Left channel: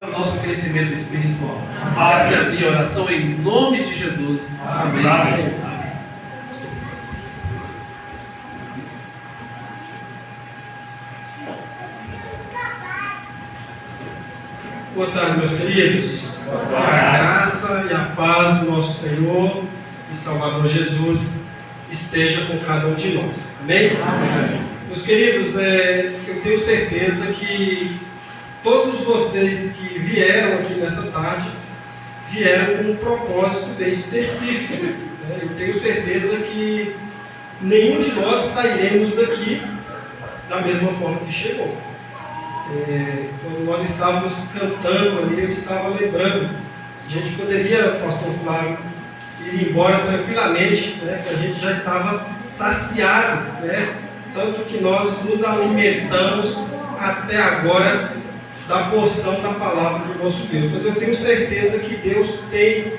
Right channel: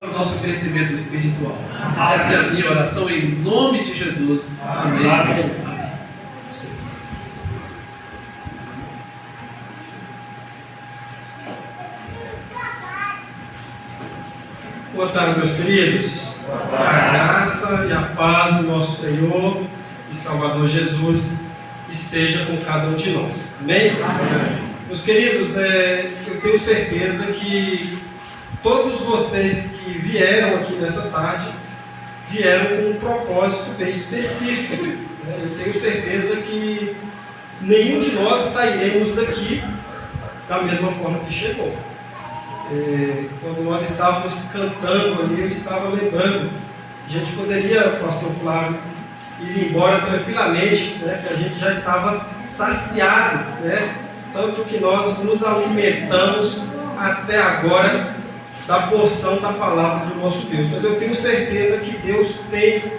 o nosso crescimento espiritual. Essa é a minha oração em nome de Jesus. Amém. Amém. Boa tarde, meus queridos. A graça e a paz do nosso Senhor e Salvador Jesus esteja com cada um de nós. Amém? Amém. Meus queridos, eu tenho certeza que todos vocês que vieram aqui nessa tarde vieram com um propósito bem específico. Eu tenho certeza que nenhum de nós sairemos daqui da mesma forma que chegou. Quando nós estávamos cantando ali, eu estava lembrando, a gente poderia, pastor Flávio, ir embora tranquilamente, que a gente já estava saciado, tanto que nós nos alimentamos até agora da porção da palavra do nosso Deus. Mas eu tenho certeza que Deus tem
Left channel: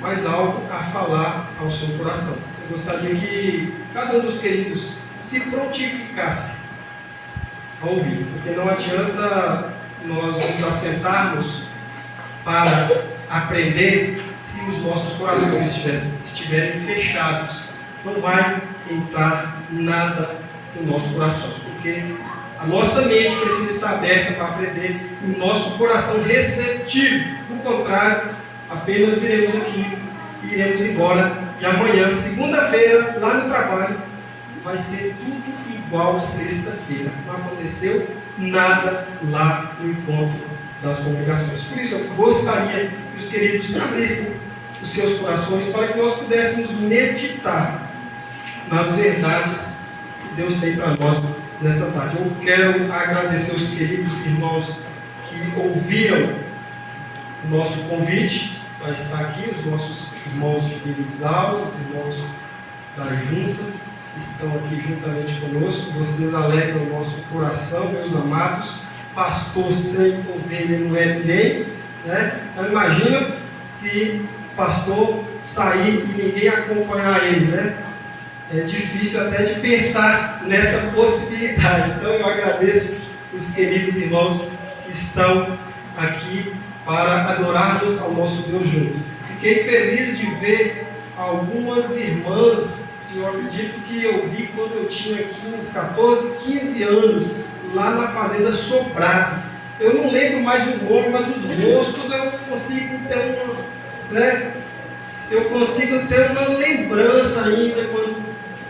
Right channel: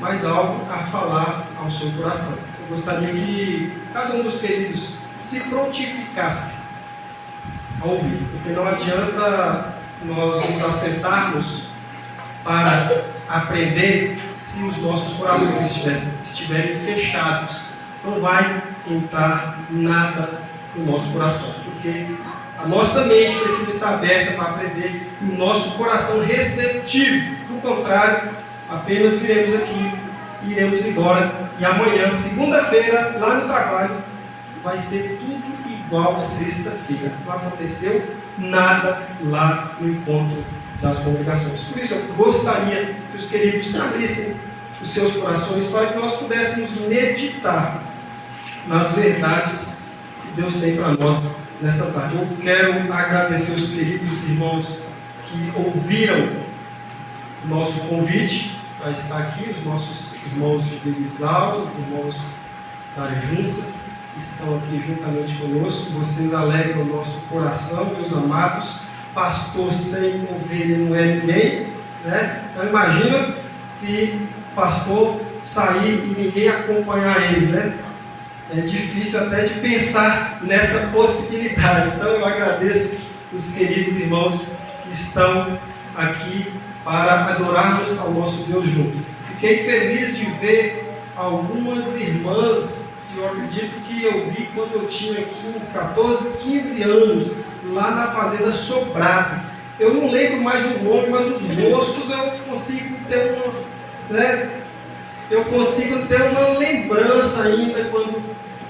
mais algo a falar ao seu coração. Eu gostaria que cada um dos queridos se prontificasse a ouvir, porque não adianta nós nos assentarmos para aprender se os nossos corações estiverem fechados. Não vai entrar nada no nosso coração, porque a nossa mente precisa estar aberta para aprender e o nosso coração receptivo. Do contrário, apenas viremos aqui e iremos embora. E amanhã, segunda-feira, lá no trabalho, vai ser tudo igual sexta-feira. Não aconteceu nada lá no encontro das congregações. Por isso, eu gostaria que os queridos abrissem os seus corações para que nós pudéssemos meditar nas verdades que Deus tem para nós nessa tarde. Eu quero agradecer os queridos irmãos que ouviram o nosso convite para estar aqui, os nossos irmãos de Berizal, os irmãos da Junça, que estão aqui juntamente conosco. Vocês alegram o nosso coração, meus amados. Pastor sem ovelha não é ninguém, Então imagina se o pastor sair e ninguém acompanhar ele, É difícil até de pensar nessa possibilidade. Então eu agradeço os queridos irmãos que estão aqui para adorarmos ao nosso Deus junto. Fiquei feliz de ver algumas irmãs que eu acredito que eu vi quando eu tinha 15 anos, lá na Fazenda Sobrado. Eu não lembro mais o nome, mas os rostos eu consigo ter eu consigo ter uma lembrança ainda quando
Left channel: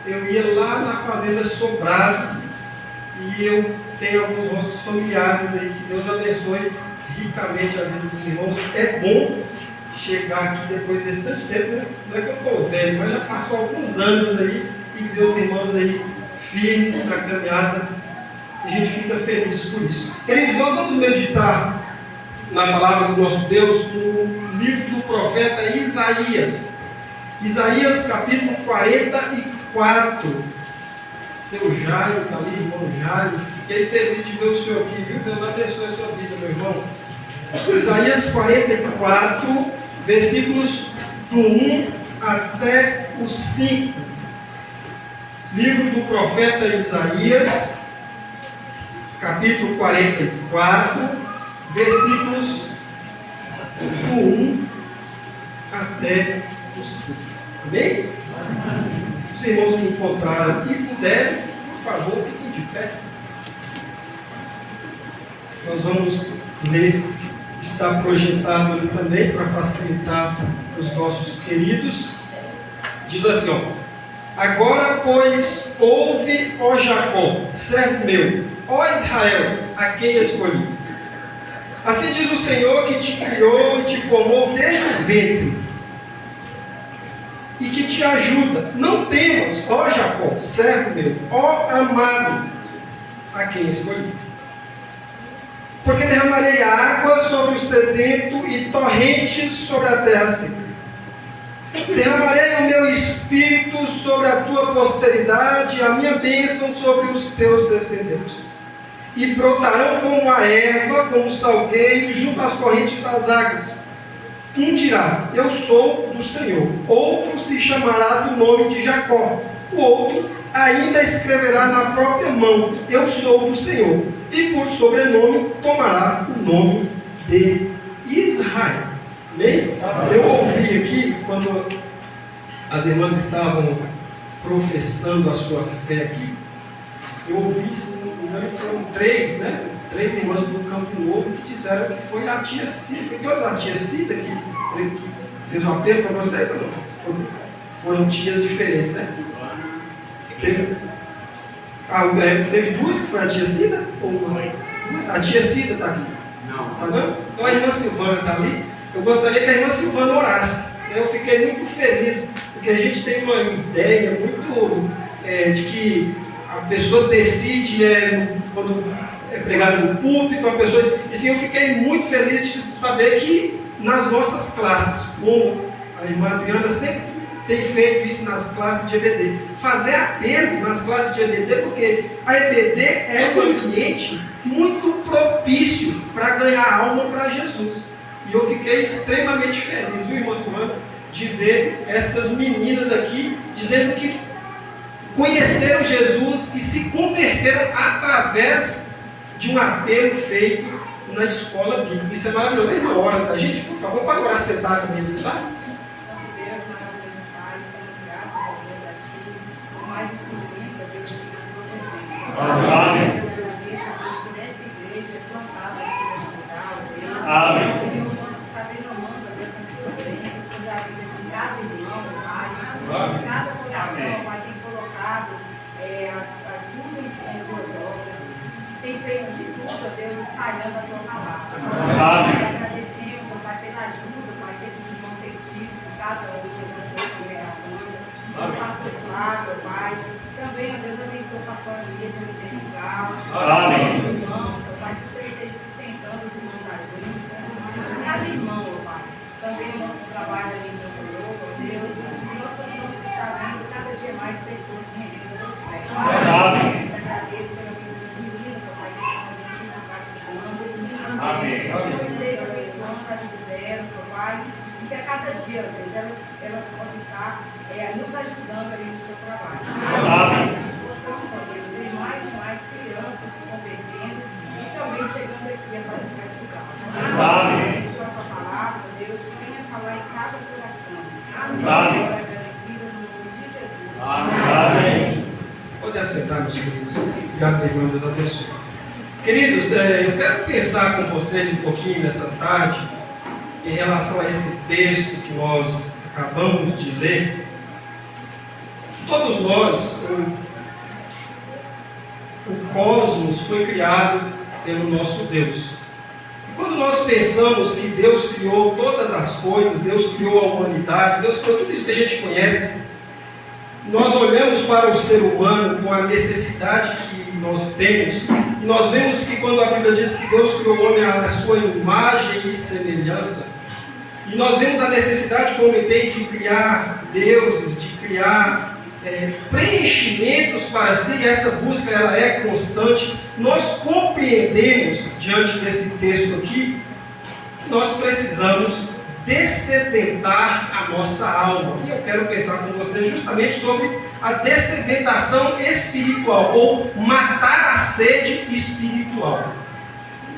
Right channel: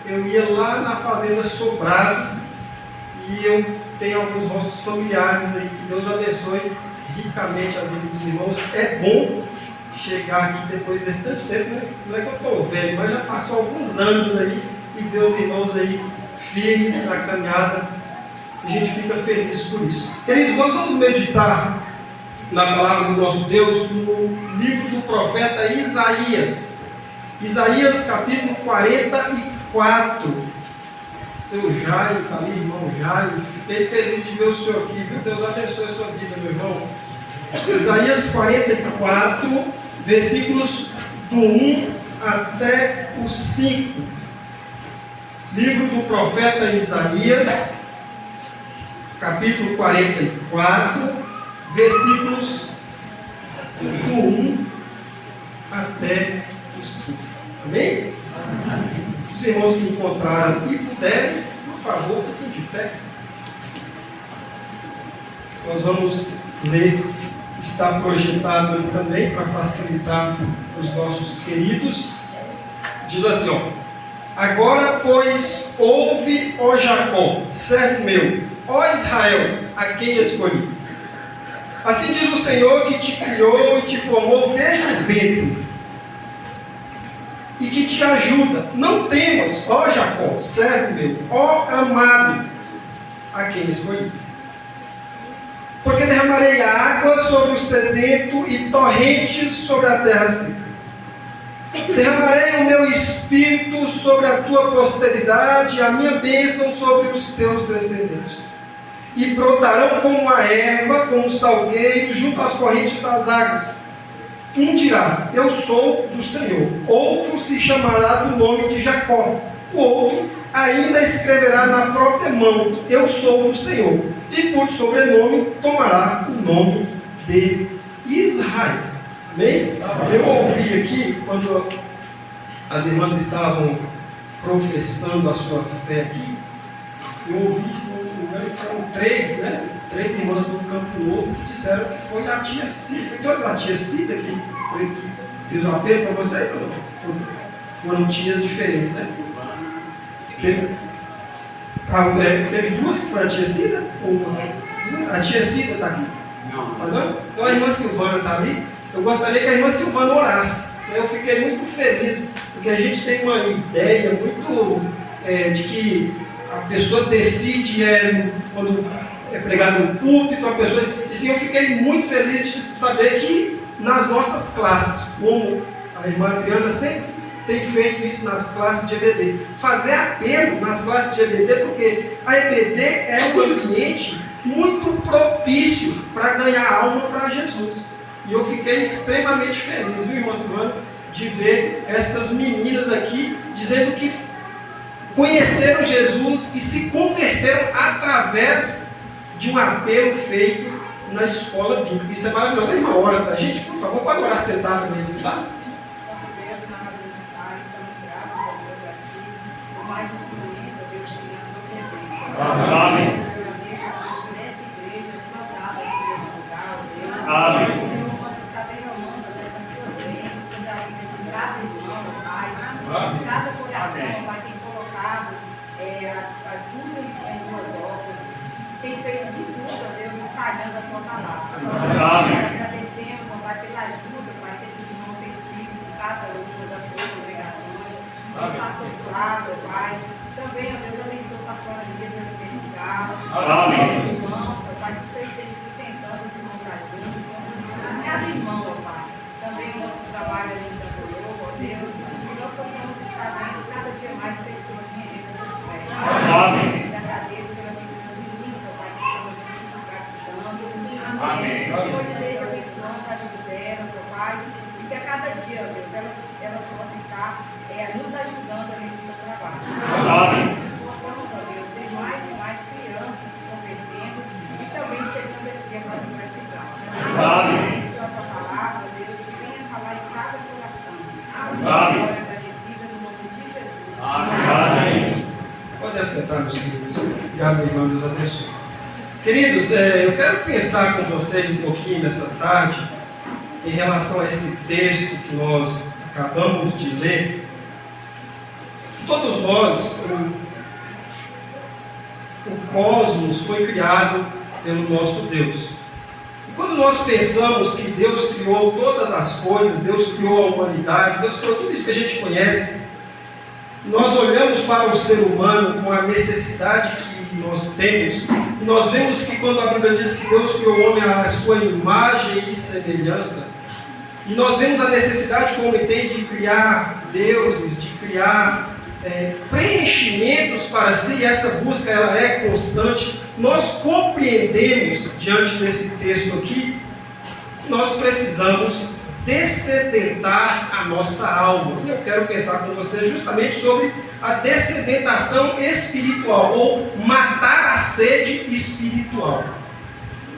eu ia lá na Fazenda Sobrado, e eu tenho alguns rostos familiares aí. Que Deus abençoe ricamente a vida dos irmãos. É bom chegar aqui depois desse tanto tempo, Não é que eu estou velho, mas já passou alguns anos aí, e ver os irmãos aí firmes na caminhada. A gente fica feliz por isso. Queridos, nós vamos meditar na palavra do nosso Deus no livro do profeta Isaías. Isaías capítulo 44. Seu Jairo, está ali, irmão Jairo. Fiquei feliz de ver o senhor aqui, viu? Deus abençoe a sua vida, meu irmão. Isaías 44, versículos do 1 até o 5. Livro do profeta Isaías, capítulo 44, versículos do 1 até o 5. Amém? Os irmãos que encontraram e puderem, por favor, fiquem de pé. Nós vamos ler, está projetado ali também para facilitar os nossos queridos. Diz assim, agora, pois, ouve, ó Jacó, servo meu, ó Israel, a quem escolhi. Assim diz o Senhor que te criou e te formou desde o ventre, e que te ajuda. Não temas, ó Jacó, servo meu, ó amado, a quem escolhi. Porque derramarei água sobre o sedento e torrentes sobre a terra seca. Derramarei o meu espírito sobre a tua posteridade, a minha bênção sobre os teus descendentes. E brotarão como a erva, como o salgueiro, junto às correntes das águas. Um dirá, eu sou do Senhor. Outro se chamará do nome de Jacó. O outro ainda escreverá na própria mão, eu sou do Senhor. E por sobrenome tomará o nome de Israel. Amém? Eu ouvi aqui, quando as irmãs estavam professando a sua fé aqui, eu ouvi, se não me engano, foram três irmãs do Campo Novo que disseram que foi a tia Cida. Foi todas a tia Cida que fez um apelo para vocês ou não? Foram tias diferentes, né? Teve duas que foram a tia Cida? Ou uma? A tia Cida está aqui? Não. Tá vendo? Então a irmã Silvana está ali. Eu gostaria que a irmã Silvana orasse. Eu fiquei muito feliz, porque a gente tem uma ideia muito de que a pessoa decide quando é pregado no púlpito, a pessoa. E sim, eu fiquei muito feliz de saber que nas nossas classes, como a irmã Adriana sempre tem feito isso nas classes de EBD, fazer apelo nas classes de EBD, porque a EBD é um ambiente muito propício para ganhar alma para Jesus. E eu fiquei extremamente feliz, viu, irmã Silvana, de ver estas meninas aqui dizendo que conheceram Jesus e se converteram através de um apelo feito na escola bíblica. Isso é maravilhoso. A irmã, ora para a gente, por favor, pode orar sentado mesmo, tá? Amém. Amém. Cada coração vai ter colocado a dúvida em tuas obras, tem feito de tudo, a Deus, espalhando a tua palavra. Nós agradecemos, ó Pai, pela ajuda, Pai, desses irmãos perdidos, de cada uma das suas congregações, o pastor Flávio, ó Pai, também, ó Deus, abençoe o pastor Elias, ele tem estado, os irmãos, ó Pai, que você esteja sustentando os irmãos da juntos, cada irmão, ó Pai, também o nosso trabalho ali em Campo Novo, ó Deus, nós possamos estar vendo cada dia mais pessoas que rendendo o teu pés. Amém. Eu agradeço pela vida das meninas, ó Pai, que estão aqui se batizando. Amém. Que o Senhor esteja abençoando a vida delas, ó Pai, e que a cada dia, ó Deus, elas possam estar nos ajudando ali no seu trabalho. Amém. Que possamos, ó Deus, ver mais e mais crianças se convertendo e também chegando aqui para se batizar. Amém. A tua palavra, ó Deus, que venha falar em cada coração. Amém. Agradecida no nome de Jesus. Amém. Pode assentar, meus queridos. Obrigado, meu irmão, Deus abençoe. Queridos, eu quero pensar com vocês um pouquinho nessa tarde em relação a esse texto que nós acabamos de ler. Todos nós, o cosmos foi criado pelo nosso Deus. Quando nós pensamos que Deus criou todas as coisas, Deus criou a humanidade, Deus criou tudo isso que a gente conhece, nós olhamos para o ser humano com a necessidade que nós temos, e nós vemos que quando a Bíblia diz que Deus criou o homem à sua imagem e semelhança, e nós vemos a necessidade que o homem tem de criar deuses, de criar preenchimentos para si, e essa busca ela é constante. Nós compreendemos, diante desse texto aqui, que nós precisamos dessedentar a nossa alma. E eu quero pensar com você justamente sobre a dessedentação espiritual, ou matar a sede espiritual.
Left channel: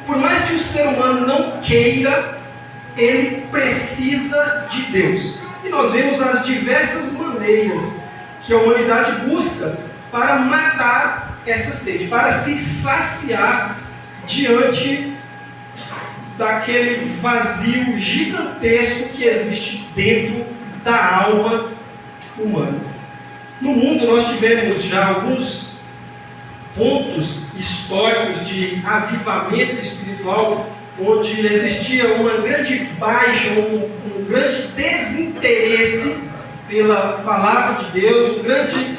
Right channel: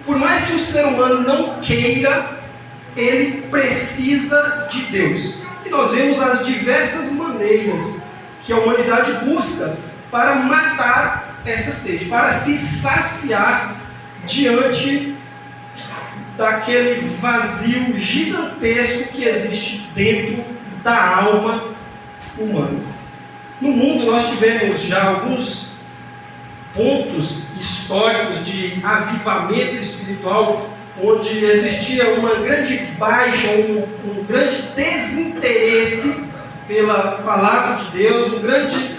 Por mais que o ser humano não queira, ele precisa de Deus. E nós vemos as diversas maneiras que a humanidade busca para matar essa sede, para se saciar diante daquele vazio gigantesco que existe dentro da alma humana. No mundo nós tivemos já alguns pontos históricos de avivamento espiritual, onde existia uma grande baixa, um grande desinteresse pela palavra de Deus,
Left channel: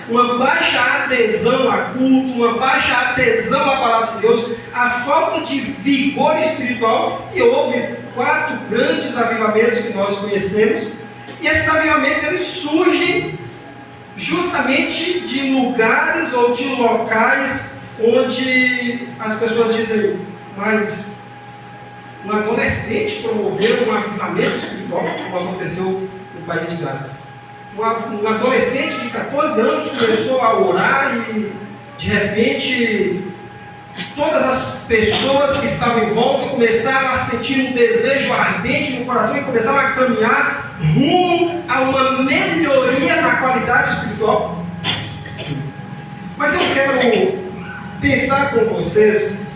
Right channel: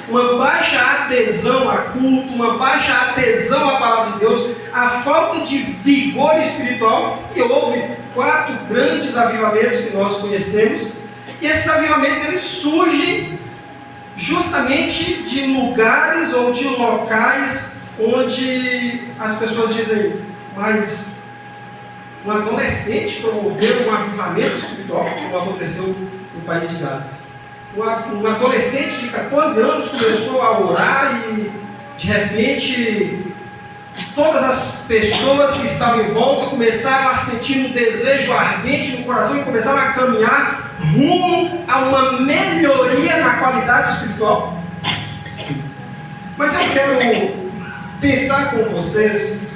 uma baixa adesão a culto, uma baixa adesão à palavra de Deus, a falta de vigor espiritual, e houve 4 grandes avivamentos que nós conhecemos, e esses avivamentos eles surgem justamente de lugares ou de locais onde as pessoas dizem, mas um adolescente promoveu um avivamento espiritual, como aconteceu no país de Gales. Um adolescente de 14 anos começou a orar e de repente todas as pessoas que estavam em volta começaram a sentir um desejo ardente no coração e começaram a caminhar rumo a uma melhoria na qualidade espiritual? Sim. Mas eu quero pensar com vocês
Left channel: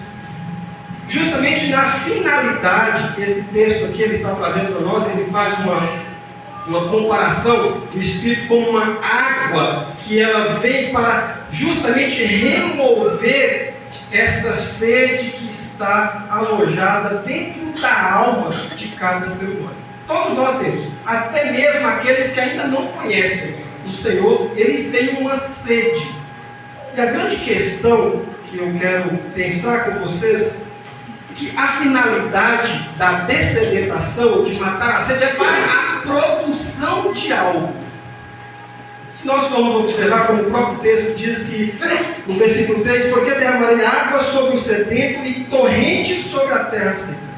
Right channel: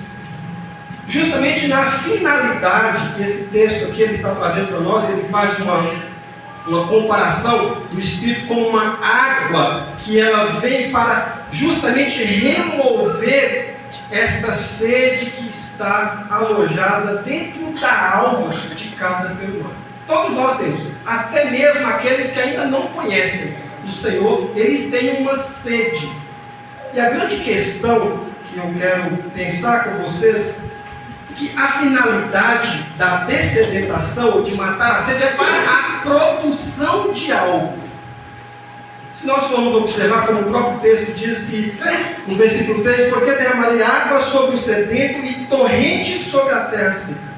justamente na finalidade que esse texto aqui ele está trazendo para nós. Ele faz uma comparação do Espírito como uma água que ela vem para justamente remover esta sede que está alojada dentro da alma de cada ser humano. Todos nós temos, até mesmo aqueles que ainda não conhecem o Senhor, eles têm uma sede. E a grande questão que eu quero pensar com vocês é que a finalidade da dessedentação, de matar a sede, é para a produção de algo. Se nós formos observar, como o próprio texto diz que, no versículo 3, porque derramarei água sobre o sedento e torrente sobre a terra seca.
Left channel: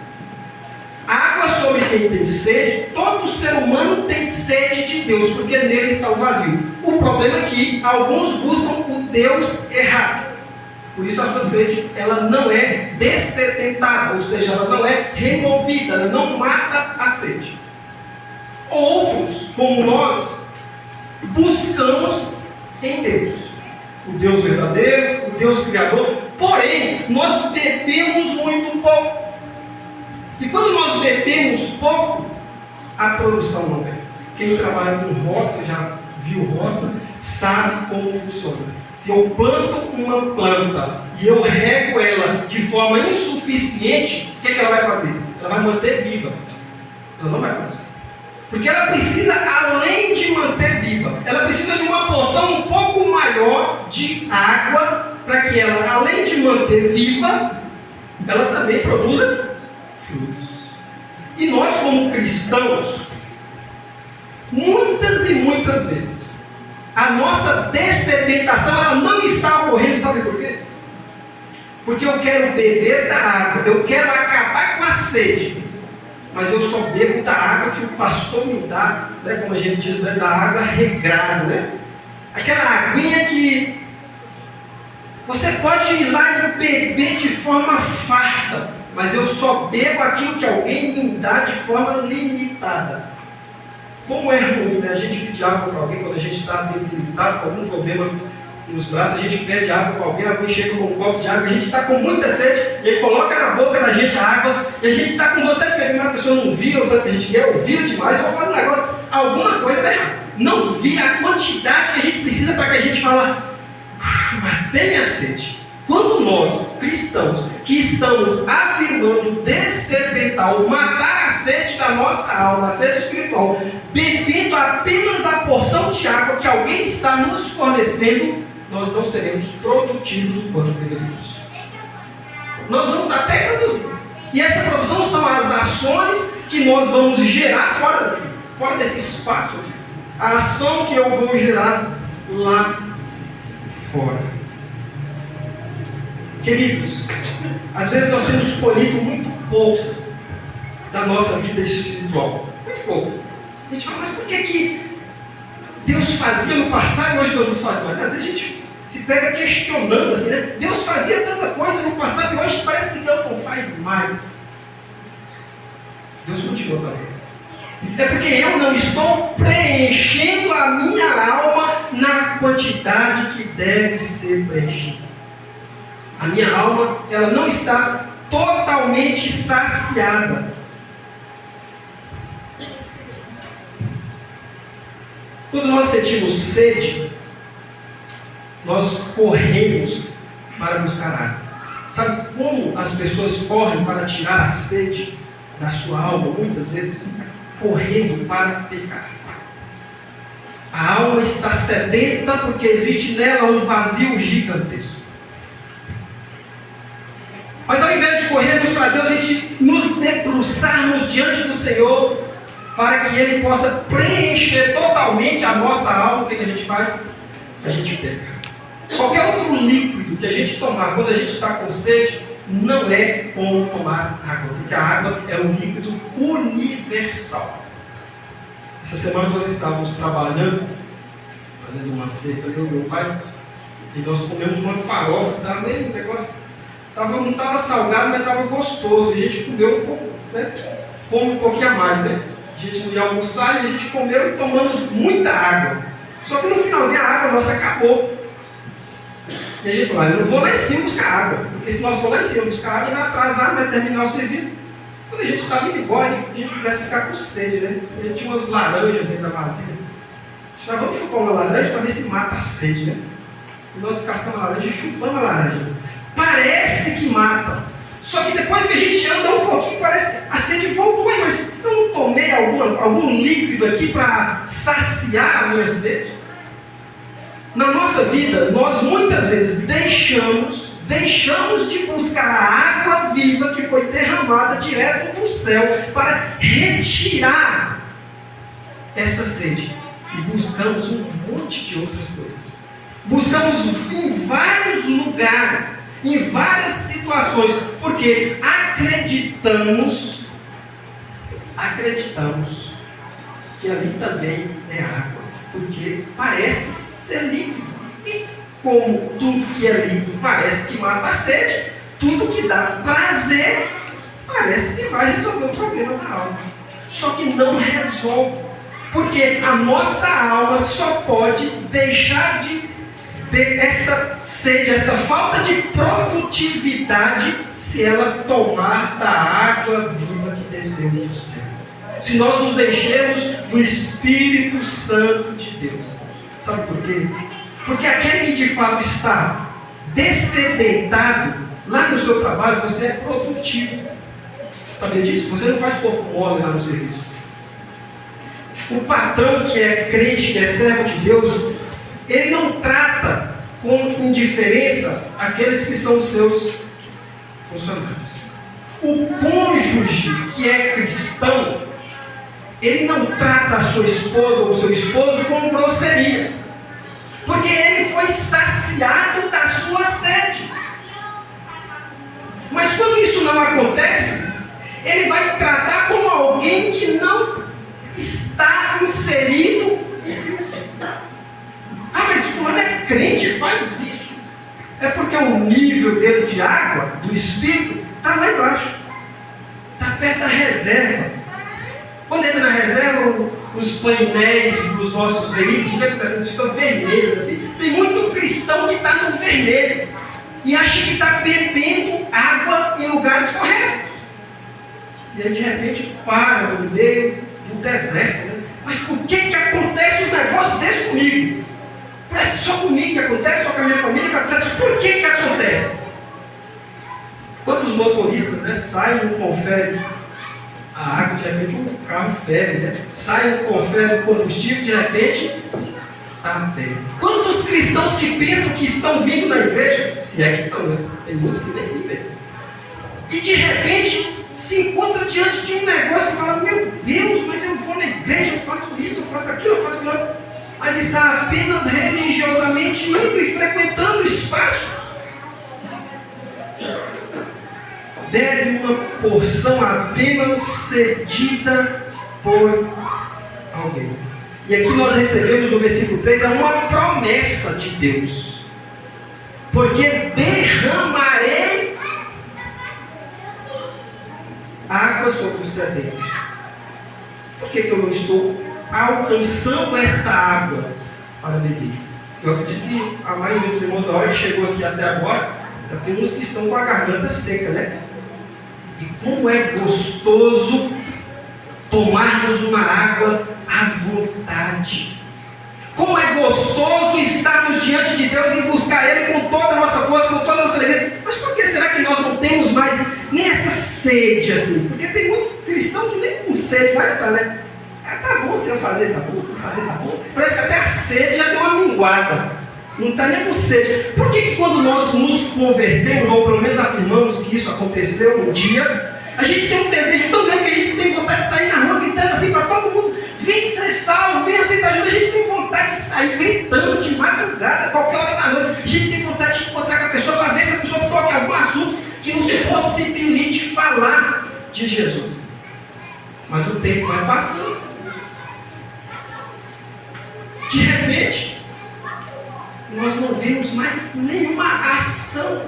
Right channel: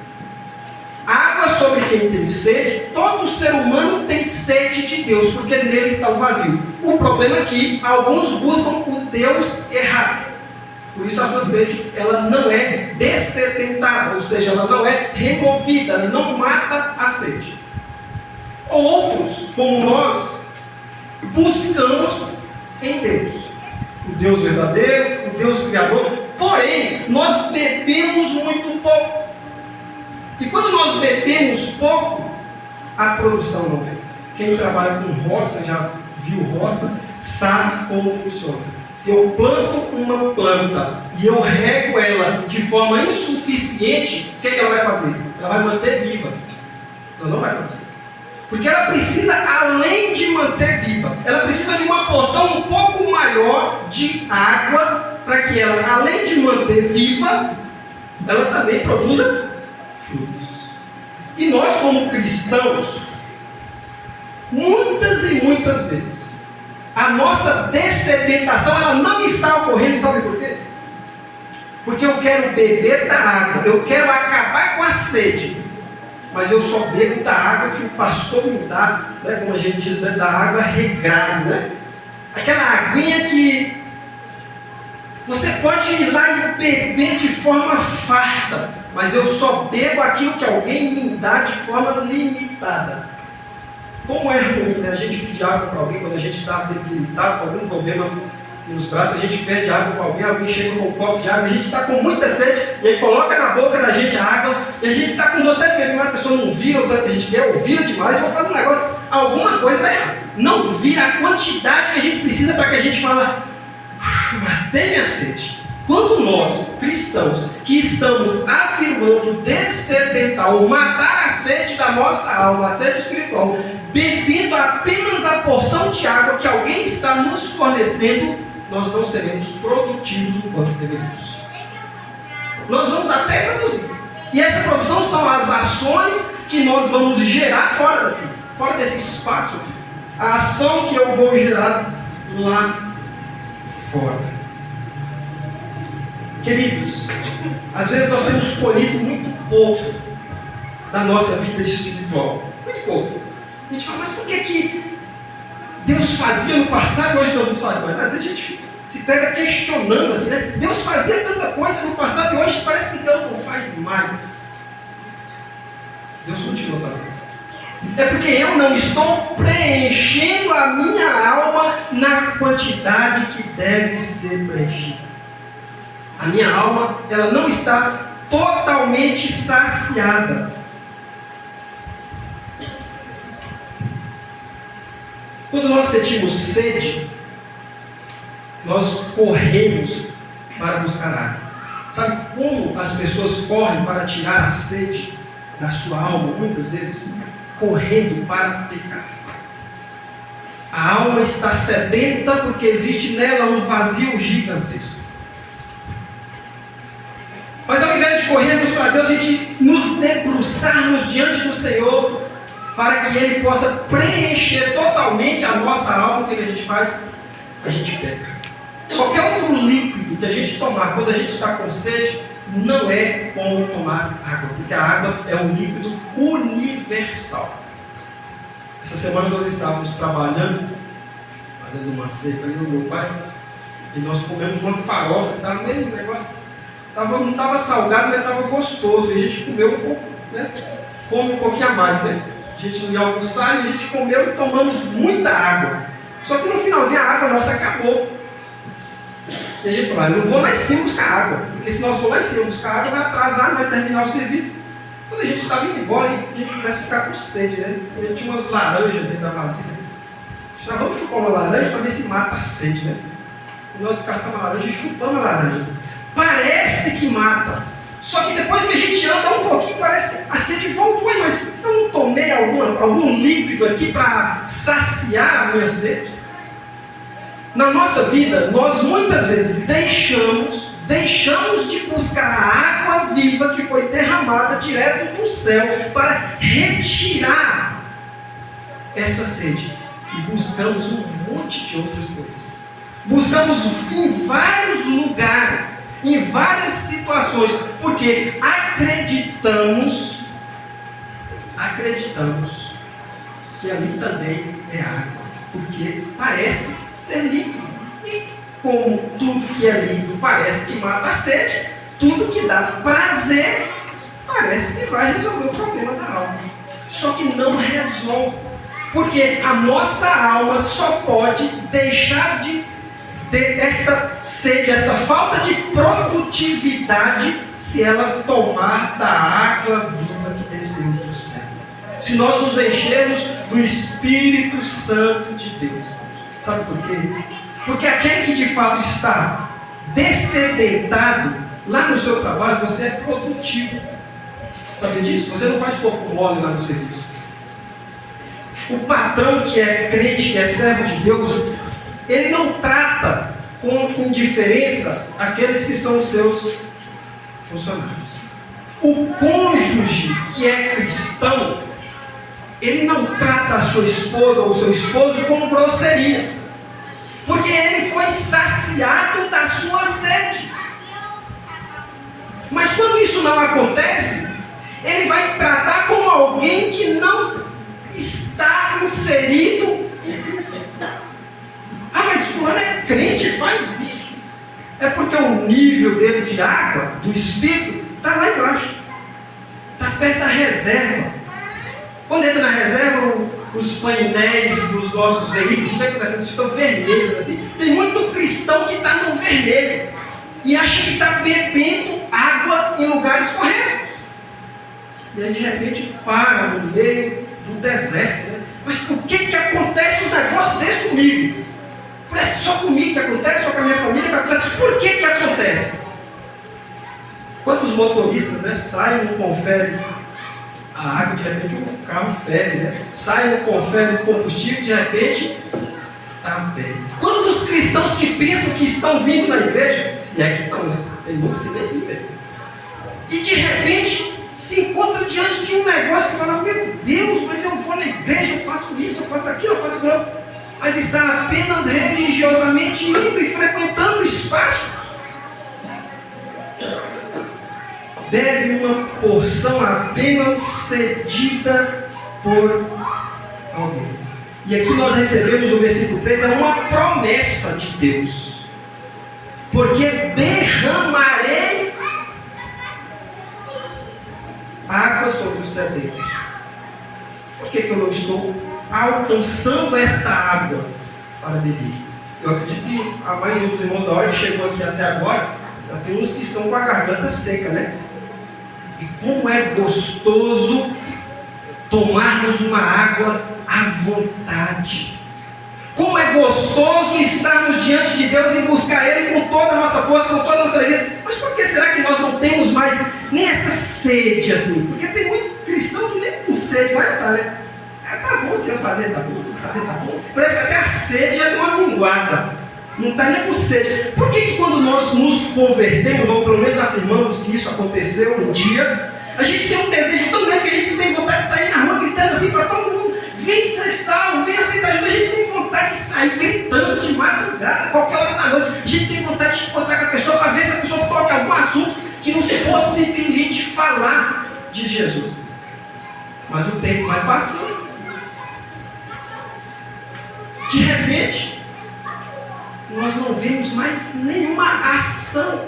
Água sobre quem tem sede, todo ser humano tem sede de Deus, porque nele está o vazio. O problema é que alguns buscam o Deus errado. Por isso a sua sede, ela não é dessedentada, ou seja, ela não é removida, ela não mata a sede. Outros, como nós, buscamos em Deus, o Deus verdadeiro, o Deus criador, porém, nós bebemos muito pouco. E quando nós bebemos pouco, a produção não vem. Quem trabalha com roça, já viu roça, sabe como funciona. Se eu planto uma planta e eu rego ela de forma insuficiente, o que ela vai fazer? Ela vai manter viva. Ela não vai produzir. Porque ela precisa, além de manter viva, ela precisa de uma porção um pouco maior de água para que ela, além de manter viva, ela também produza frutos. E nós, como cristãos, muitas e muitas vezes, a nossa dessedentação ela não está ocorrendo, sabe por quê? Porque eu quero beber da água, eu quero acabar com a sede, mas eu só bebo da água que o pastor me dá, né, como a gente diz, né, da água regrada, né? Aquela aguinha que você pode ir lá e beber de forma farta, mas eu só bebo aquilo que alguém me dá de forma limitada. Como é ruim, né? A gente pedir água para alguém quando a gente está debilitado com algum problema nos braços, a gente pede água para alguém, alguém chega com um copo de água, a gente está com muita sede, ele coloca na boca da gente a água, e a gente está com vontade de beber, mas a pessoa não vira, ou a gente quer ouvir demais, ou faz um negócio, alguma coisa está errada. Não vira a quantidade que a gente precisa para que a gente fale, matei a sede. Quando nós, cristãos, que estamos afirmando dessedentar ou matar a sede da nossa alma, a sede espiritual, bebendo apenas a porção de água que alguém está nos fornecendo, nós não seremos produtivos o quanto deveríamos. Nós vamos até produzir. E essa produção são as ações que nós vamos gerar fora daqui, fora desse espaço aqui. A ação que eu vou gerar lá fora. Queridos, às vezes nós temos colhido muito pouco da nossa vida espiritual. Muito pouco. A gente fala, mas por que Deus fazia no passado e hoje Deus não faz mais? Às vezes a gente se pega questionando assim, né? Deus fazia tanta coisa no passado e hoje parece que Deus não faz mais. Deus continua fazendo. É porque eu não estou preenchendo a minha alma na quantidade que deve ser preenchida. A minha alma, ela não está totalmente saciada. Quando nós sentimos sede, nós corremos para buscar água. Sabe como as pessoas correm para tirar a sede da sua alma? Muitas vezes, correndo para pecar. A alma está sedenta porque existe nela um vazio gigantesco. Mas ao invés de corrermos para Deus, a gente nos debruçarmos diante do Senhor para que Ele possa preencher totalmente a nossa alma. O que a gente faz? A gente peca. Qualquer outro líquido que a gente tomar quando a gente está com sede, não é como tomar água, porque a água é um líquido universal. Essa semana nós estávamos trabalhando, fazendo uma ceia, eu e meu pai, e nós comemos uma farofa, estava meio negócio Não estava salgado, mas estava gostoso. E a gente comeu um pouco, né? Come um pouquinho a mais, né? A gente ia almoçar e a gente comeu e tomamos muita água. Só que no finalzinho a água nossa acabou. E aí ele falou, eu não vou lá em cima buscar água, porque se nós for lá em cima buscar água, vai atrasar, vai terminar o serviço. Quando a gente estava indo embora, a gente começa a ficar com sede, né? A gente tinha umas laranjas dentro da vasilha. Já vamos chupar uma laranja para ver se mata a sede, né? E nós descascamos a laranja e chupamos a laranja. Parece que mata. Só que depois que a gente anda um pouquinho, parece que a sede voltou. Mas eu não tomei algum líquido aqui para saciar a minha sede? Na nossa vida, nós muitas vezes deixamos de buscar a água viva que foi derramada direto do céu para retirar essa sede. E buscamos um monte de outras coisas. Buscamos em vários lugares, em várias situações, porque acreditamos que ali também é água, porque parece ser líquido. E como tudo que é líquido parece que mata a sede, tudo que dá prazer parece que vai resolver o problema da alma. Só que não resolve, porque a nossa alma só pode deixar de ter essa sede, essa falta de produtividade, se ela tomar da água viva que desceu do céu. Se nós nos enchermos do Espírito Santo de Deus. Sabe por quê? Porque aquele que de fato está descedentado, lá no seu trabalho você é produtivo. Sabia disso? Você não faz corpo mole lá no serviço. O patrão que é crente, que é servo de Deus, ele não trata com indiferença aqueles que são seus funcionários. O cônjuge que é cristão, ele não trata a sua esposa ou seu esposo com grosseria, porque ele foi saciado da sua sede. Mas quando isso não acontece, ele vai tratar como alguém que não está inserido em Cristo. Ah, mas fulano é crente, faz isso. É porque o nível dele de água, do Espírito, está lá embaixo. Está perto da reserva. Quando entra na reserva, os painéis dos nossos veículos, eles ficam vermelhos assim. Tem muito cristão que está no vermelho e acha que está bebendo água em lugares corretos. E aí de repente para no meio do deserto. Né? Mas por que acontece os negócios desses comigo? Parece só comigo que acontece, só com a minha família que acontece. Por que acontece? Quando os motoristas, né, saem, não conferem a água, de repente o carro ferve, né? Sai, não confere o combustível, de repente está bem. Quantos cristãos que pensam que estão vindo na igreja, se é que estão, né? Tem muitos que nem vivem. E de repente se encontra diante de um negócio e fala, meu Deus, mas eu vou na igreja, eu faço isso, eu faço aquilo, eu faço aquilo. Mas está apenas religiosamente indo e frequentando o espaço. Bebe uma porção apenas cedida por alguém. E aqui nós recebemos no versículo 3 uma promessa de Deus. Porque derramarei água sobre os sedentos. Por que eu não estou alcançando esta água para beber? Eu acredito que a maioria dos irmãos da hora que chegou aqui até agora, já tem uns que estão com a garganta seca, né? E como é gostoso tomarmos uma água à vontade. Como é gostoso estarmos diante de Deus e buscar Ele com toda a nossa força, com toda a nossa alegria. Mas por que será que nós não temos mais nem essa sede assim? Porque tem muito cristão que nem com sede vai estar, né? Tá bom se eu fazer, tá bom, se eu fazer, tá bom. Parece que até a sede já deu uma minguada. Não está nem com sede. Por que quando nós nos convertemos, ou pelo menos afirmamos que isso aconteceu um dia, a gente tem um desejo tão grande que a gente tem vontade de sair na rua gritando assim para todo mundo, vem ser salvo, vem aceitar Jesus. A gente tem vontade de sair gritando de madrugada, qualquer hora da noite. A gente tem vontade de encontrar com a pessoa para ver se a pessoa toca algum assunto que nos possibilite falar de Jesus. Mas o tempo vai passando. De repente, nós não vemos mais nenhuma ação.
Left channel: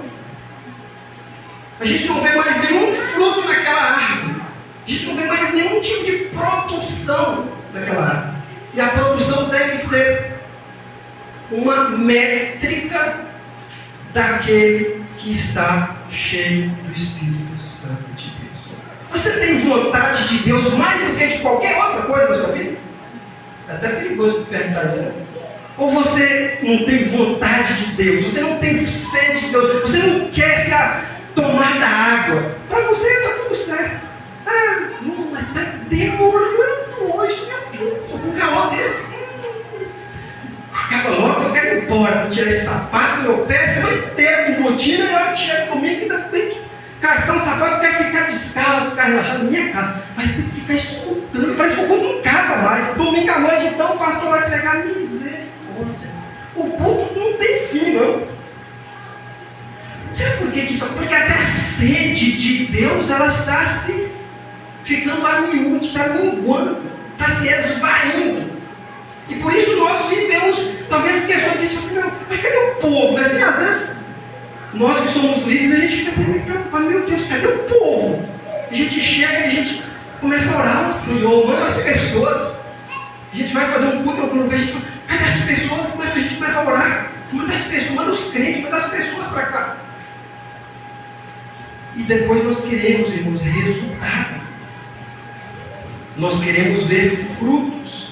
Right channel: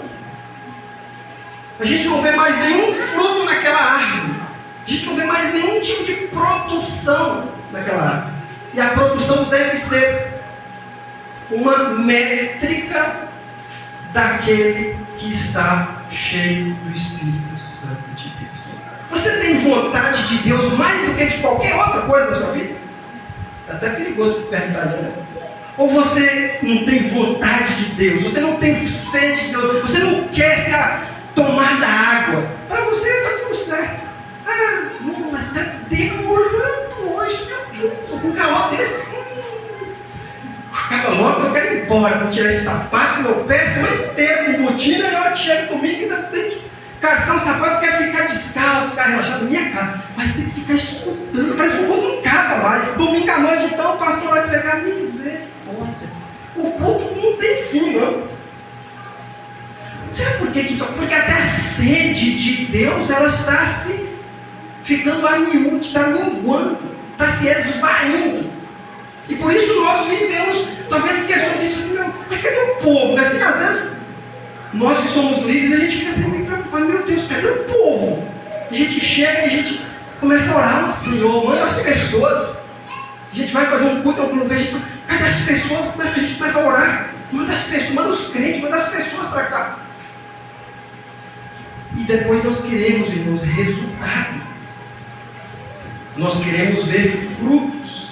A gente não vê mais nenhum fruto naquela árvore. A gente não vê mais nenhum tipo de produção naquela árvore. E a produção deve ser uma métrica daquele que está cheio do Espírito Santo de Deus. Você tem vontade de Deus mais do que de qualquer outra coisa na sua vida? É até perigoso perguntar isso, né? Ou você não tem vontade de Deus? Você não tem sede de Deus? Você não quer se tomar da água? Para você está tudo certo. Não, mas está demorando hoje, meu Deus. Estou com um calor desse. Acaba logo que eu quero ir embora. Vou tirar esse sapato do meu pé, semana inteira com botina, e a hora que chega comigo ainda tem que calçar um sapato, quer ficar descalço, ficar relaxado na minha casa. Mas tem que ficar escutando. Parece que o culto não acaba mais. Domingo à noite, então, o pastor vai pregar misericórdia. O culto não tem fim, não. Sabe por que isso? Porque até a sede de Deus, ela está se ficando a miúde, está minguando, está se esvaindo. E por isso nós vivemos, talvez, questões que a gente fala assim, mas cadê o povo? Assim, às vezes, nós que somos líderes, a gente fica até meio preocupado, meu Deus, cadê o povo? A gente chega e a gente começa a orar ao Senhor, manda as pessoas. A gente vai fazer um culto em algum lugar, a gente fala, cadê as pessoas? A gente começa a orar, manda as pessoas, manda os crentes, manda as pessoas para cá. E depois nós queremos, irmãos, resultado. Nós queremos ver frutos.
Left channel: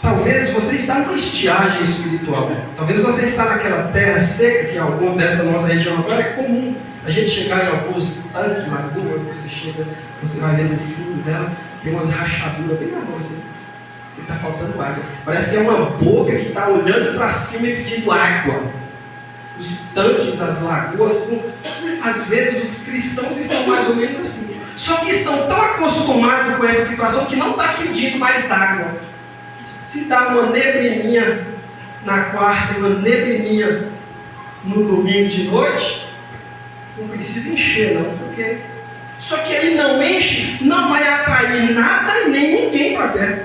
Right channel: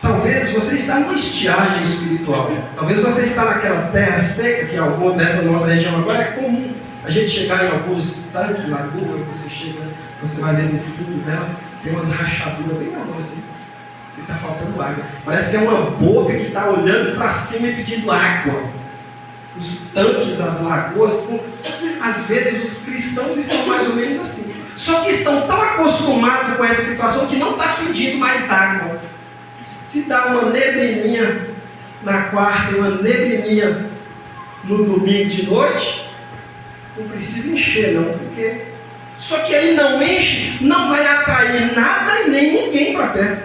Talvez você está numa estiagem espiritual. Talvez você está naquela terra seca, que alguma dessa nossa região agora é comum. A gente chegar em alguns tanques, lagoa, você chega, você vai ver no fundo dela, tem umas rachaduras bem grandes assim, que está faltando água. Parece que é uma boca que está olhando para cima e pedindo água. Os tanques, as lagoas, às vezes os cristãos estão mais ou menos assim. Só que estão tão acostumados com essa situação que não está pedindo mais água. Se dá uma neblininha na quarta e uma neblininha no domingo de noite, não precisa encher não, porque só que aí não enche, não vai atrair nada e nem ninguém para perto.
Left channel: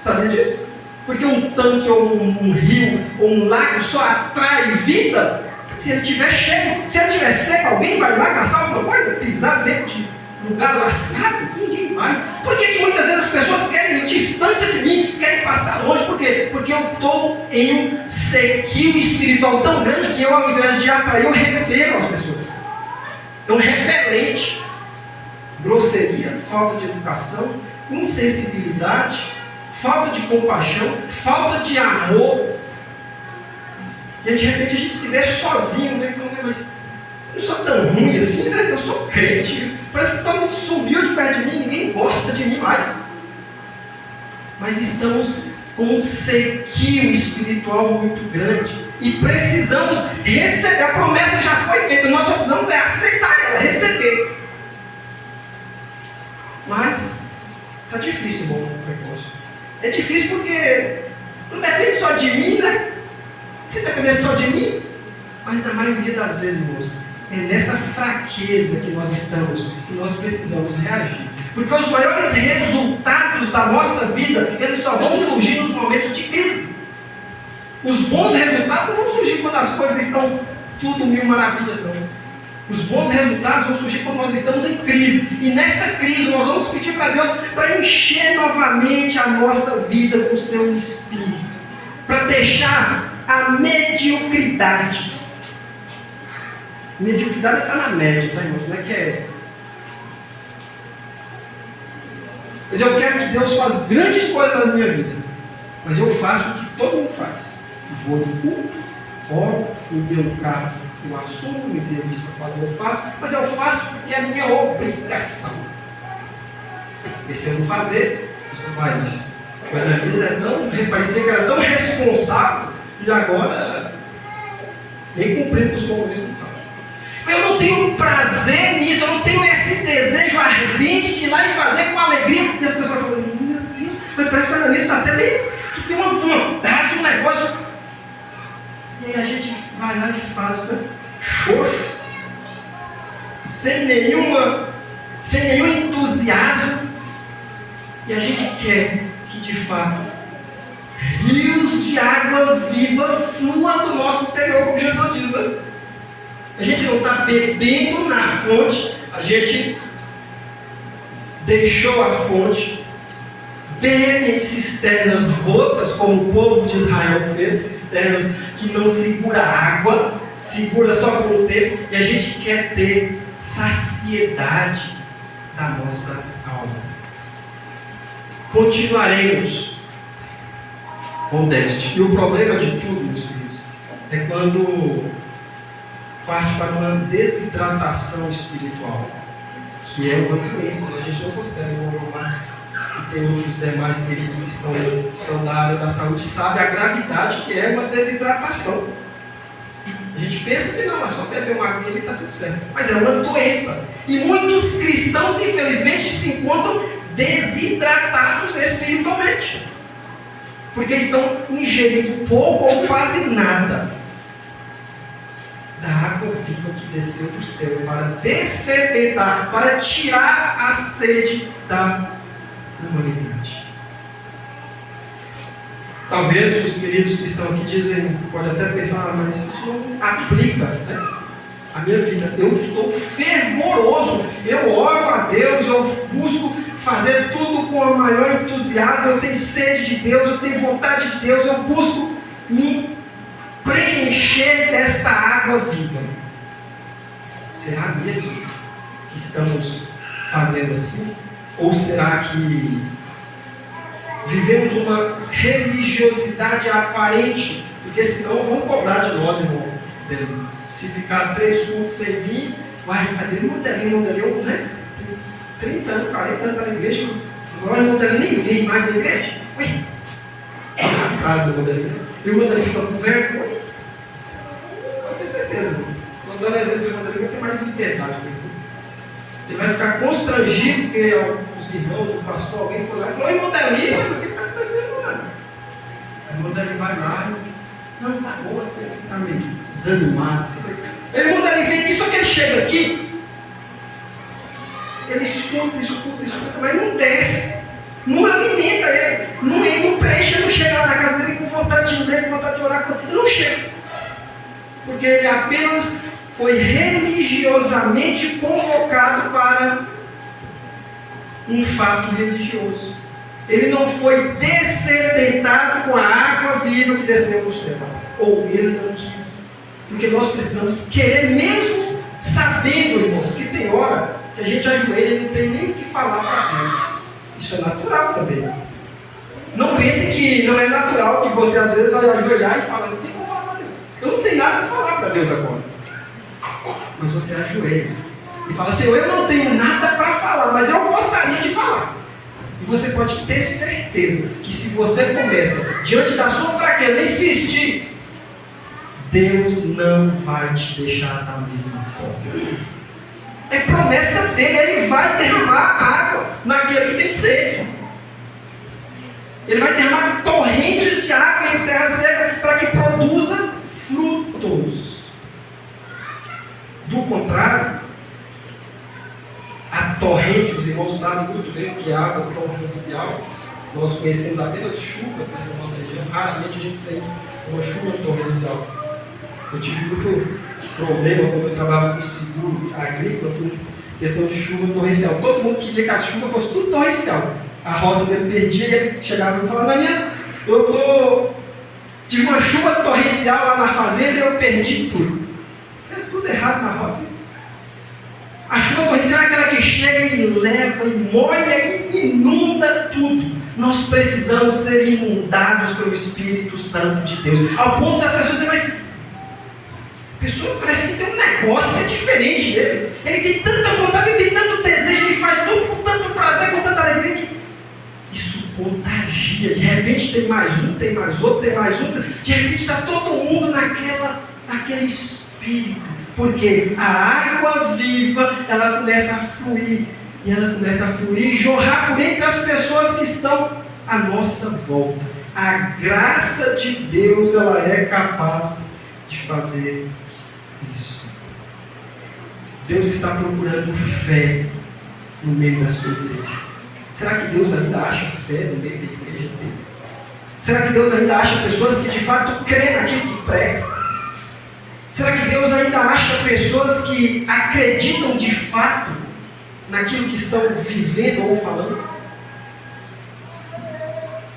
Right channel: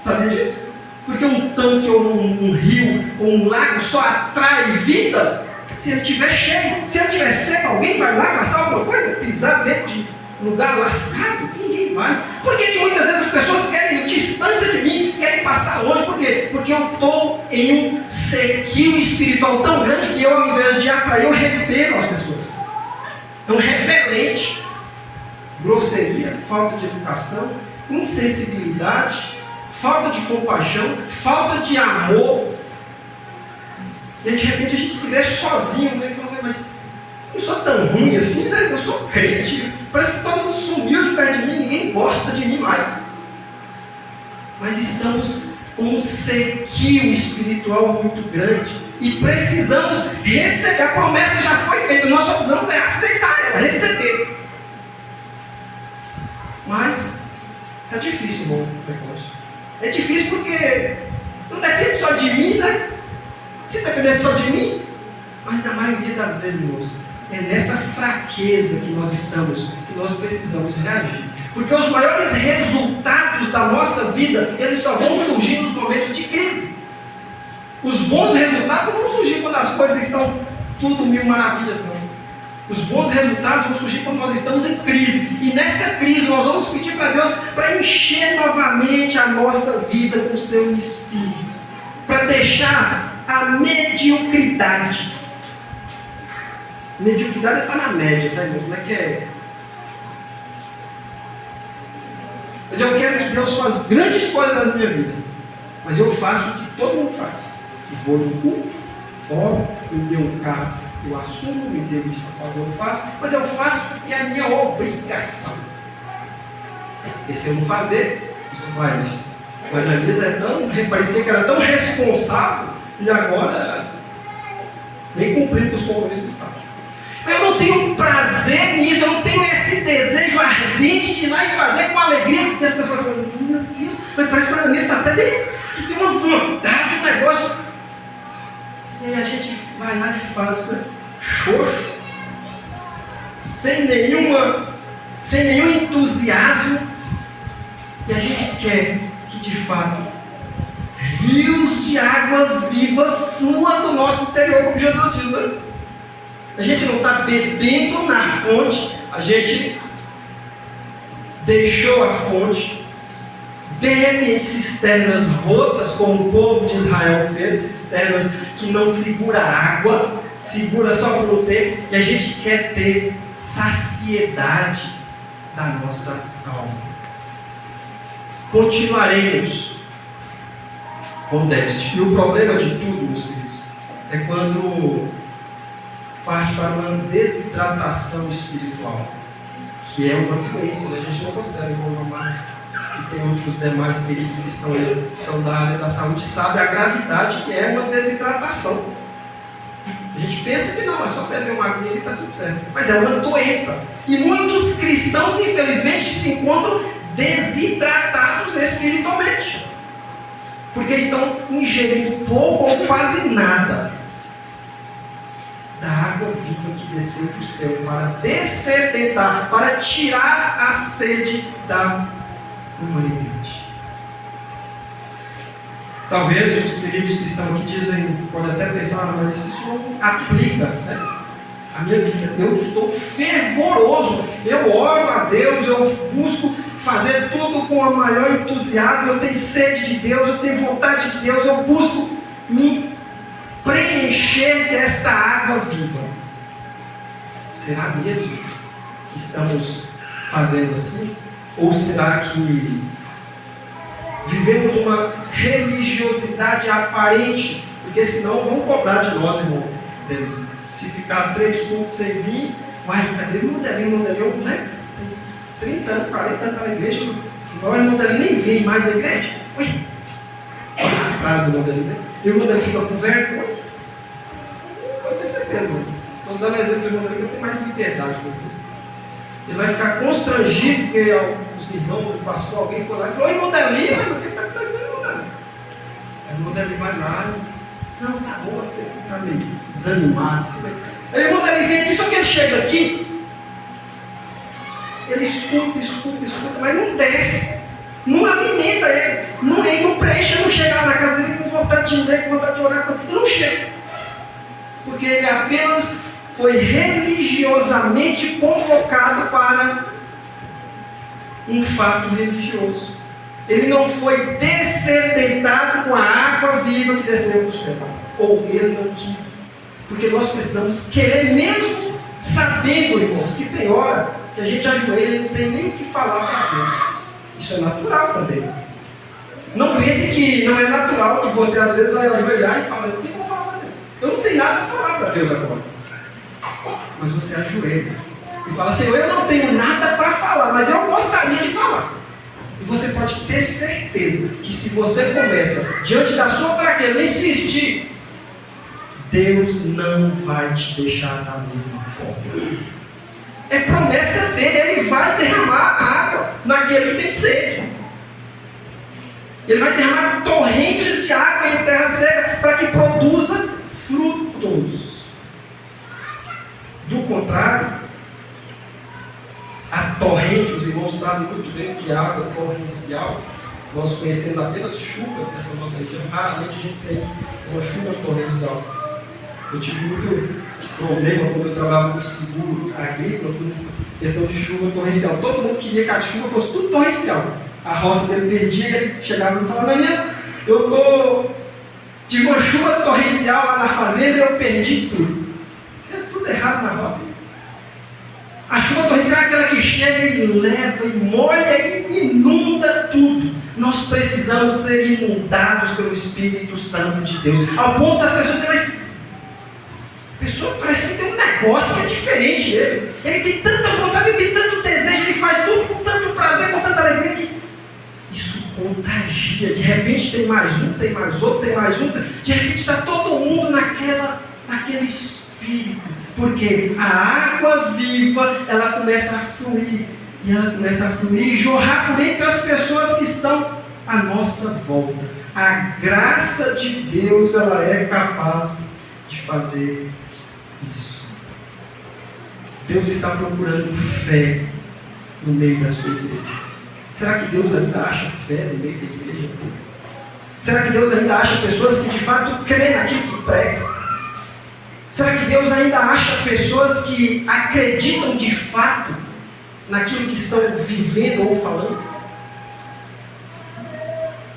Sabia disso? Porque um tanque ou um rio ou um lago só atrai vida se ele estiver cheio. Se ele estiver seco, alguém vai lá caçar alguma coisa, pisar dentro de lugar lascado? Ninguém vai. Por que muitas vezes as pessoas querem distância de mim, querem passar longe? Por quê? Porque eu estou em um sequio espiritual tão grande que eu, ao invés de atrair, eu repelo as pessoas. É um repelente. Grosseria, falta de educação, insensibilidade, falta de compaixão, falta de amor. E de repente a gente se vê sozinho, né? Falando, mas eu não sou tão ruim assim, né? Eu sou crente. Parece que todo mundo sumiu de perto de mim, ninguém gosta de mim mais. Mas estamos com um sequio espiritual muito grande. E precisamos receber. A promessa já foi feita. Nós só precisamos aceitar ela, receber. Mas está difícil, irmão, o negócio. É difícil porque não depende só de mim, né? Se dependesse só de mim, mas na maioria das vezes, irmãos, é nessa fraqueza que nós estamos, que nós precisamos reagir. Porque os maiores resultados da nossa vida, eles só vão surgir nos momentos de crise. Os bons resultados não vão surgir quando as coisas estão tudo mil maravilhas, não. Os bons resultados vão surgir quando nós estamos em crise. E nessa crise nós vamos pedir para Deus para encher novamente a nossa vida com o seu Espírito. Para deixar a mediocridade. Mediocridade está na média, tá, irmãos? Não é que é. Mas eu quero que Deus faça grandes coisas na minha vida. Mas eu faço o que todo mundo faz. Eu vou no culto, oro, me dê um carro, eu assumo, me dê isso para fazer, eu faço. Mas eu faço porque é a minha obrigação. E se eu não fazer, isso vai isso. O Ananias parecia que era tão responsável e agora nem cumprindo os compromissos que faz. Eu não tenho prazer nisso, eu não tenho esse desejo ardente de ir lá e fazer com alegria. E as pessoas falam, meu Deus, mas parece que o Ananias está até bem, que tem uma vontade, um negócio. E aí a gente vai lá e faz, né? Xoxo, sem nenhum entusiasmo. E a gente quer que de fato rios de água viva fluam do nosso interior, como Jesus diz, né? A gente não está bebendo na fonte, a gente deixou a fonte, bebe em cisternas rotas, como o povo de Israel fez, cisternas que não segura água, segura só por um tempo, e a gente quer ter saciedade da nossa alma. Continuaremos com déficit. E o problema de tudo, meus filhos, é quando parte para uma desidratação espiritual, que é uma doença, né? A gente não considera igual mais. E tem outros demais queridos que são da área da saúde, sabem a gravidade que é uma desidratação. A gente pensa que não, é só beber uma aguinha e está tudo certo. Mas é uma doença. E muitos cristãos, infelizmente, se encontram desidratados espiritualmente. Porque estão ingerindo pouco ou quase nada da água viva que desceu do céu para dessedentar, para tirar a sede da humanidade. Talvez os queridos que estão aqui dizem, pode até pensar, mas isso não aplica, né? A minha vida. Eu estou fervoroso, eu oro a Deus, eu busco fazer tudo com o maior entusiasmo, eu tenho sede de Deus, eu tenho vontade de Deus, eu busco me preencher desta água viva. Será mesmo que estamos fazendo assim? Ou será que vivemos uma religiosidade aparente? Porque senão vão cobrar de nós, irmão. Se ficar 3 cultos sem vir, uai, cadê o modelinho, né? 30 anos, 40 anos na igreja, agora o modelinho nem vem mais na igreja. Ui, a frase do modelinho, né? E o modelinho fica com vergonha. Pode ter certeza. Estou dando exemplo do modelinho, tem mais liberdade com ele. Ele vai ficar constrangido porque os irmãos, o pastor, alguém foi lá e falou: oi, modelinho, mas o que está acontecendo, modelinho? Aí o modelinho vai lá e não, tá bom, porque você está meio desanimado. Aí o modelinho vem aqui, só que ele chega aqui, ele escuta, mas não desce, não alimenta ele, não preenche, não chega lá na casa dele com vontade de ler, com vontade de orar, não chega, porque ele apenas foi religiosamente convocado para um fato religioso. Ele não foi dessedentado com a água viva que desceu do céu, ou ele não quis, porque nós precisamos querer, mesmo sabendo, irmãos, que tem hora que a gente ajoelha e não tem nem o que falar para Deus. Isso é natural também. Não pense que não é natural que você às vezes vai ajoelhar e falar: eu tenho que falar para Deus, eu não tenho nada para falar para Deus agora. Mas você ajoelha e fala: Senhor, eu não tenho nada para falar, mas eu gostaria de falar. E você pode ter certeza que se você começa, diante da sua fraqueza, a insistir, Deus não vai te deixar da mesma forma. É promessa dele, ele vai derramar água naquele que tem sede. Ele vai derramar torrentes de água em terra seca para que produza frutos. Do contrário, a torrente, os irmãos sabem muito bem o que é água torrencial. Nós conhecemos apenas chuvas nessa nossa região. Raramente a gente tem uma chuva torrencial. Eu tive muito problema quando eu trabalhava com seguro agrícola, com questão de chuva torrencial. Todo mundo queria que a chuva fosse tudo torrencial. A roça dele perdia e ele chegava e falava: Daniel, tive uma chuva torrencial lá na fazenda e eu perdi tudo. Fez tudo errado na roça. A chuva torrencial é aquela que chega e leva, e molha e inunda tudo. Nós precisamos ser inundados pelo Espírito Santo de Deus. Ao ponto das pessoas dizerem: mas a pessoa parece que tem um negócio que é diferente dele. Ele tem tanta vontade, ele tem tanto desejo, ele faz tudo com tanto prazer, com tanta alegria, que isso contagia. De repente tem mais um, tem mais outro, tem mais um. De repente está todo mundo naquele espírito. Porque a água viva, ela começa a fluir. E ela começa a fluir e jorrar por entre as pessoas que estão à nossa volta. A graça de Deus, ela é capaz de fazer isso. Deus está procurando fé no meio da sua igreja. Será que Deus ainda acha fé no meio da igreja dele? Será que Deus ainda acha pessoas que de fato creem naquilo que prega? Será que Deus ainda acha pessoas que acreditam de fato naquilo que estão vivendo ou falando?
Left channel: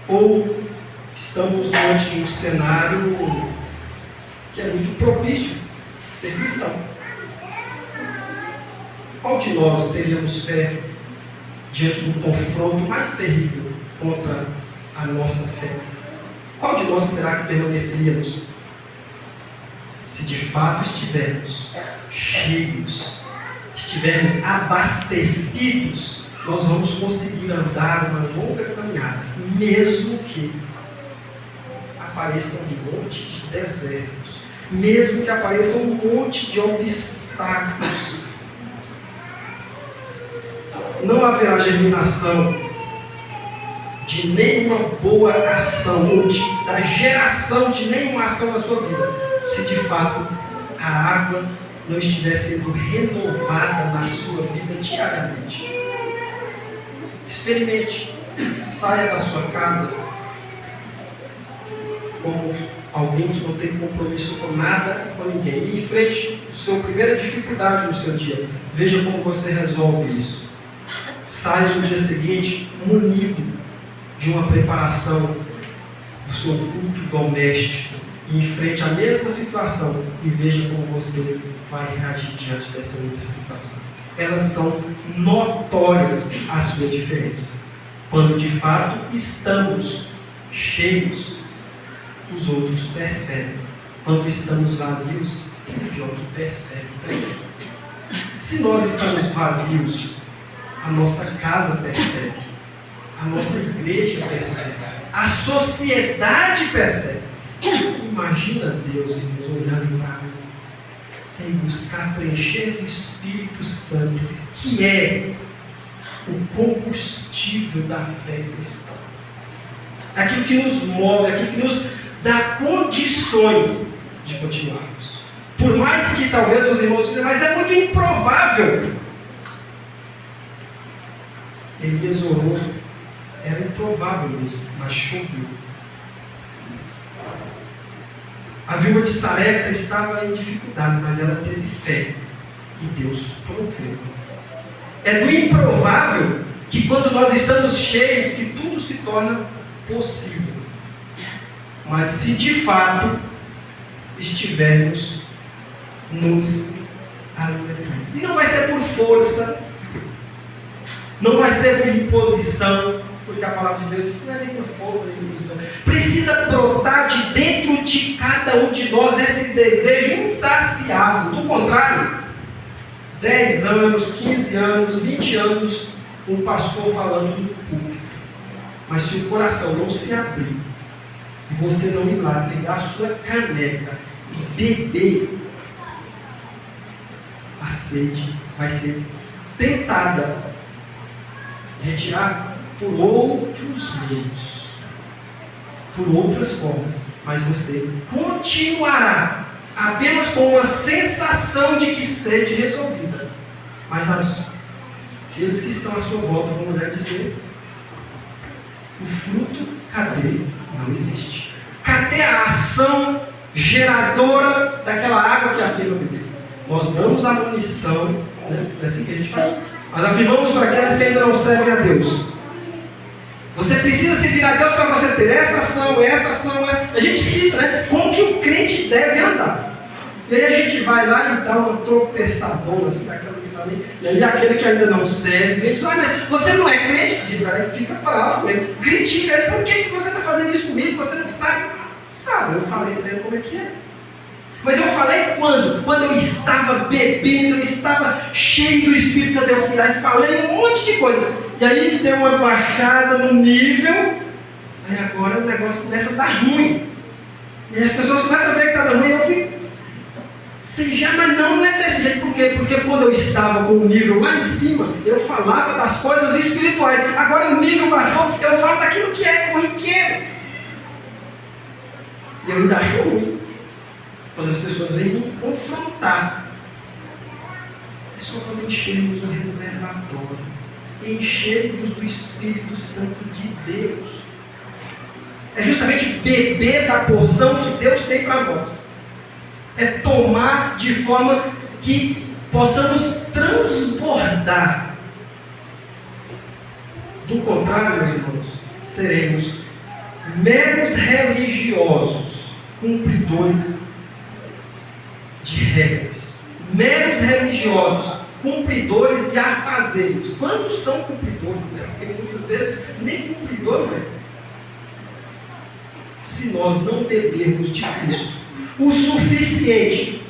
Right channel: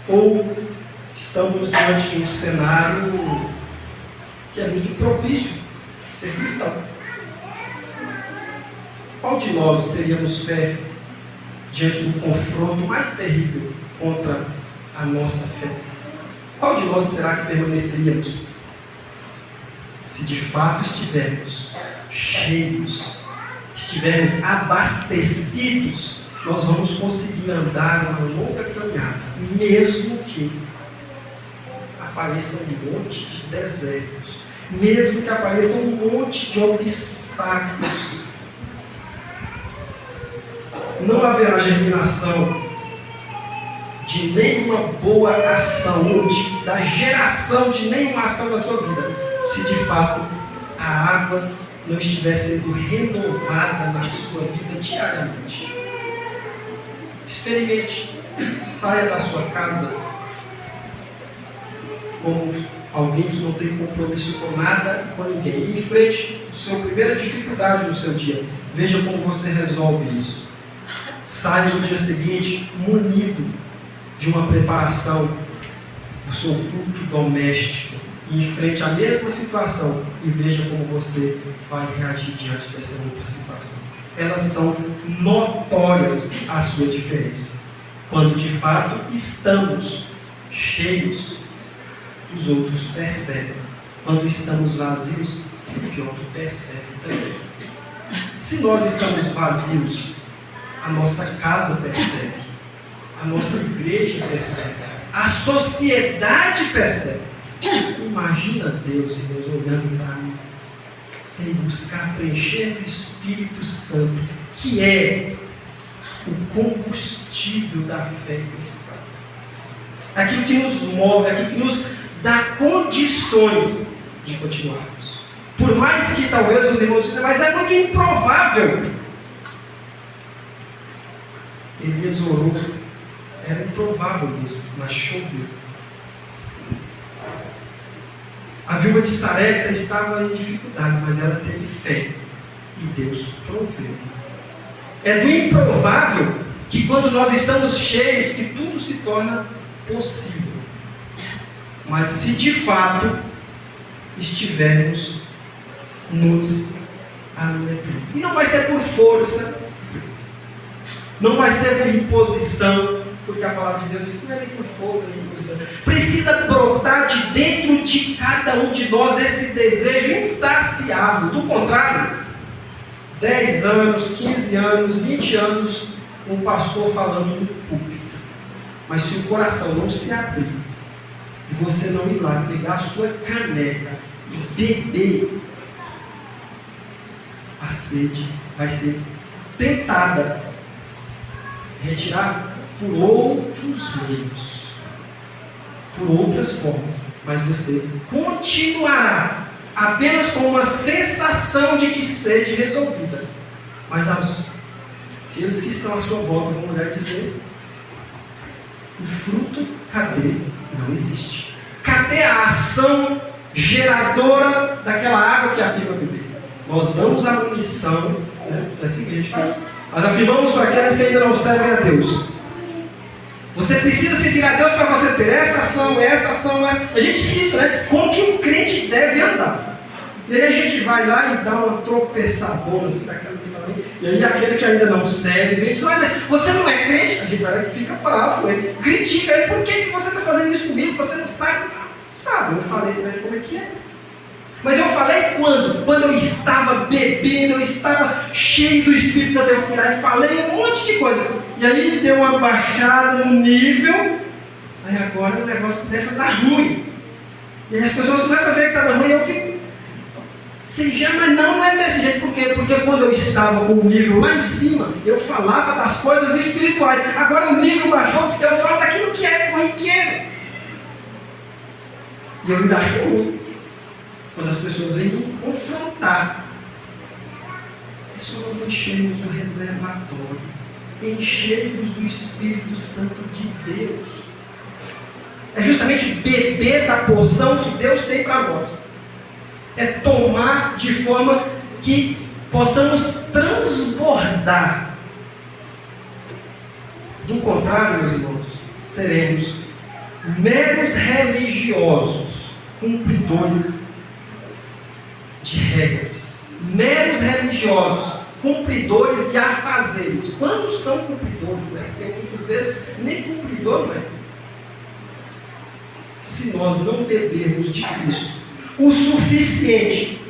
Ou estamos diante de um cenário que é muito propício ser cristão? Qual de nós teríamos fé diante do confronto mais terrível contra a nossa fé? Qual de nós será que permaneceríamos se de fato estivermos cheios, estivermos abastecidos? Nós vamos conseguir andar uma longa caminhada, mesmo que apareça um monte de desertos, mesmo que apareça um monte de obstáculos. Não haverá germinação de nenhuma boa ação, ou da geração de nenhuma ação na sua vida, se de fato a água não estiver sendo renovada na sua vida diariamente. Experimente, saia da sua casa como alguém que não tem compromisso com nada, com ninguém, e enfrente a sua primeira dificuldade no seu dia. Veja como você resolve isso. Saia no dia seguinte munido de uma preparação do seu culto doméstico, e enfrente a mesma situação e veja como você vai reagir diante dessa outra situação. Elas são notórias a sua diferença. Quando de fato estamos cheios, os outros percebem. Quando estamos vazios, é pior que percebe também. Se nós estamos vazios, a nossa casa percebe, a nossa igreja percebe, a sociedade percebe. Imagina Deus, irmãos, olhando para mim, sem buscar preencher do Espírito Santo, que é o combustível da fé cristã. Aquilo que nos move, aquilo que nos dá condições de continuarmos. Por mais que talvez os irmãos dizem, mas é muito improvável. Elias orou, era improvável mesmo, mas choveu. A viúva de Sarepta estava em dificuldades, mas ela teve fé e Deus proveu. É do improvável que quando nós estamos cheios, que tudo se torna possível. Mas se de fato estivermos nos alimentando. E não vai ser por força, não vai ser por imposição, porque a palavra de Deus diz que não é nem por força nem por imposição. Precisa brotar de dentro de cada um de nós esse desejo insaciável. Do contrário, 10 anos, 15 anos, 20 anos, um pastor falando no púlpito. Mas se o coração não se abrir, e você não ir lá pegar a sua caneca e beber, a sede vai ser tentada retirar por outros meios, por outras formas, mas você continuará apenas com uma sensação de que sede resolvida. Mas aqueles que estão à sua volta vão olhar e dizer: o fruto, cadê? Não existe. Cadê a ação geradora daquela água que afirma beber? Nós damos a munição, né? É assim que a gente faz. Nós afirmamos para aqueles que ainda não servem a Deus. Você precisa servir a Deus para você ter essa ação, essa. A gente cita, né? Como que o crente deve andar. E aí a gente vai lá e dá uma tropeçadona assim, daquela que tá ali. E aí aquele que ainda não serve, vem e diz: ah, mas você não é crente? A gente vai lá e fica bravo, né? Critica ele: por que você está fazendo isso comigo? Você não sabe? Sabe, eu falei para ele como é que é. Mas eu falei quando? Quando eu estava bebendo, eu estava cheio do Espírito Santo. Eu fui lá e falei um monte de coisa. E aí deu uma baixada no nível. Aí agora o negócio começa a dar ruim. E aí as pessoas começam a ver que está dando ruim. E eu fico: seja, mas não é desse jeito. Por quê? Porque quando eu estava com o nível lá em cima, eu falava das coisas espirituais. Agora o nível baixou, eu falo daquilo que é corriqueiro. E eu ainda acho ruim quando as pessoas vêm me confrontar. É só nós enchermos o reservatório, enchermos do Espírito Santo de Deus. É justamente beber da porção que Deus tem para nós. é tomar de forma que possamos transbordar. Do contrário, meus irmãos, seremos meros religiosos, cumpridores de regras. Meros religiosos, cumpridores de afazeres. Quantos são cumpridores, né? Porque muitas vezes nem cumpridor não é. Se nós não bebermos de Cristo o suficiente,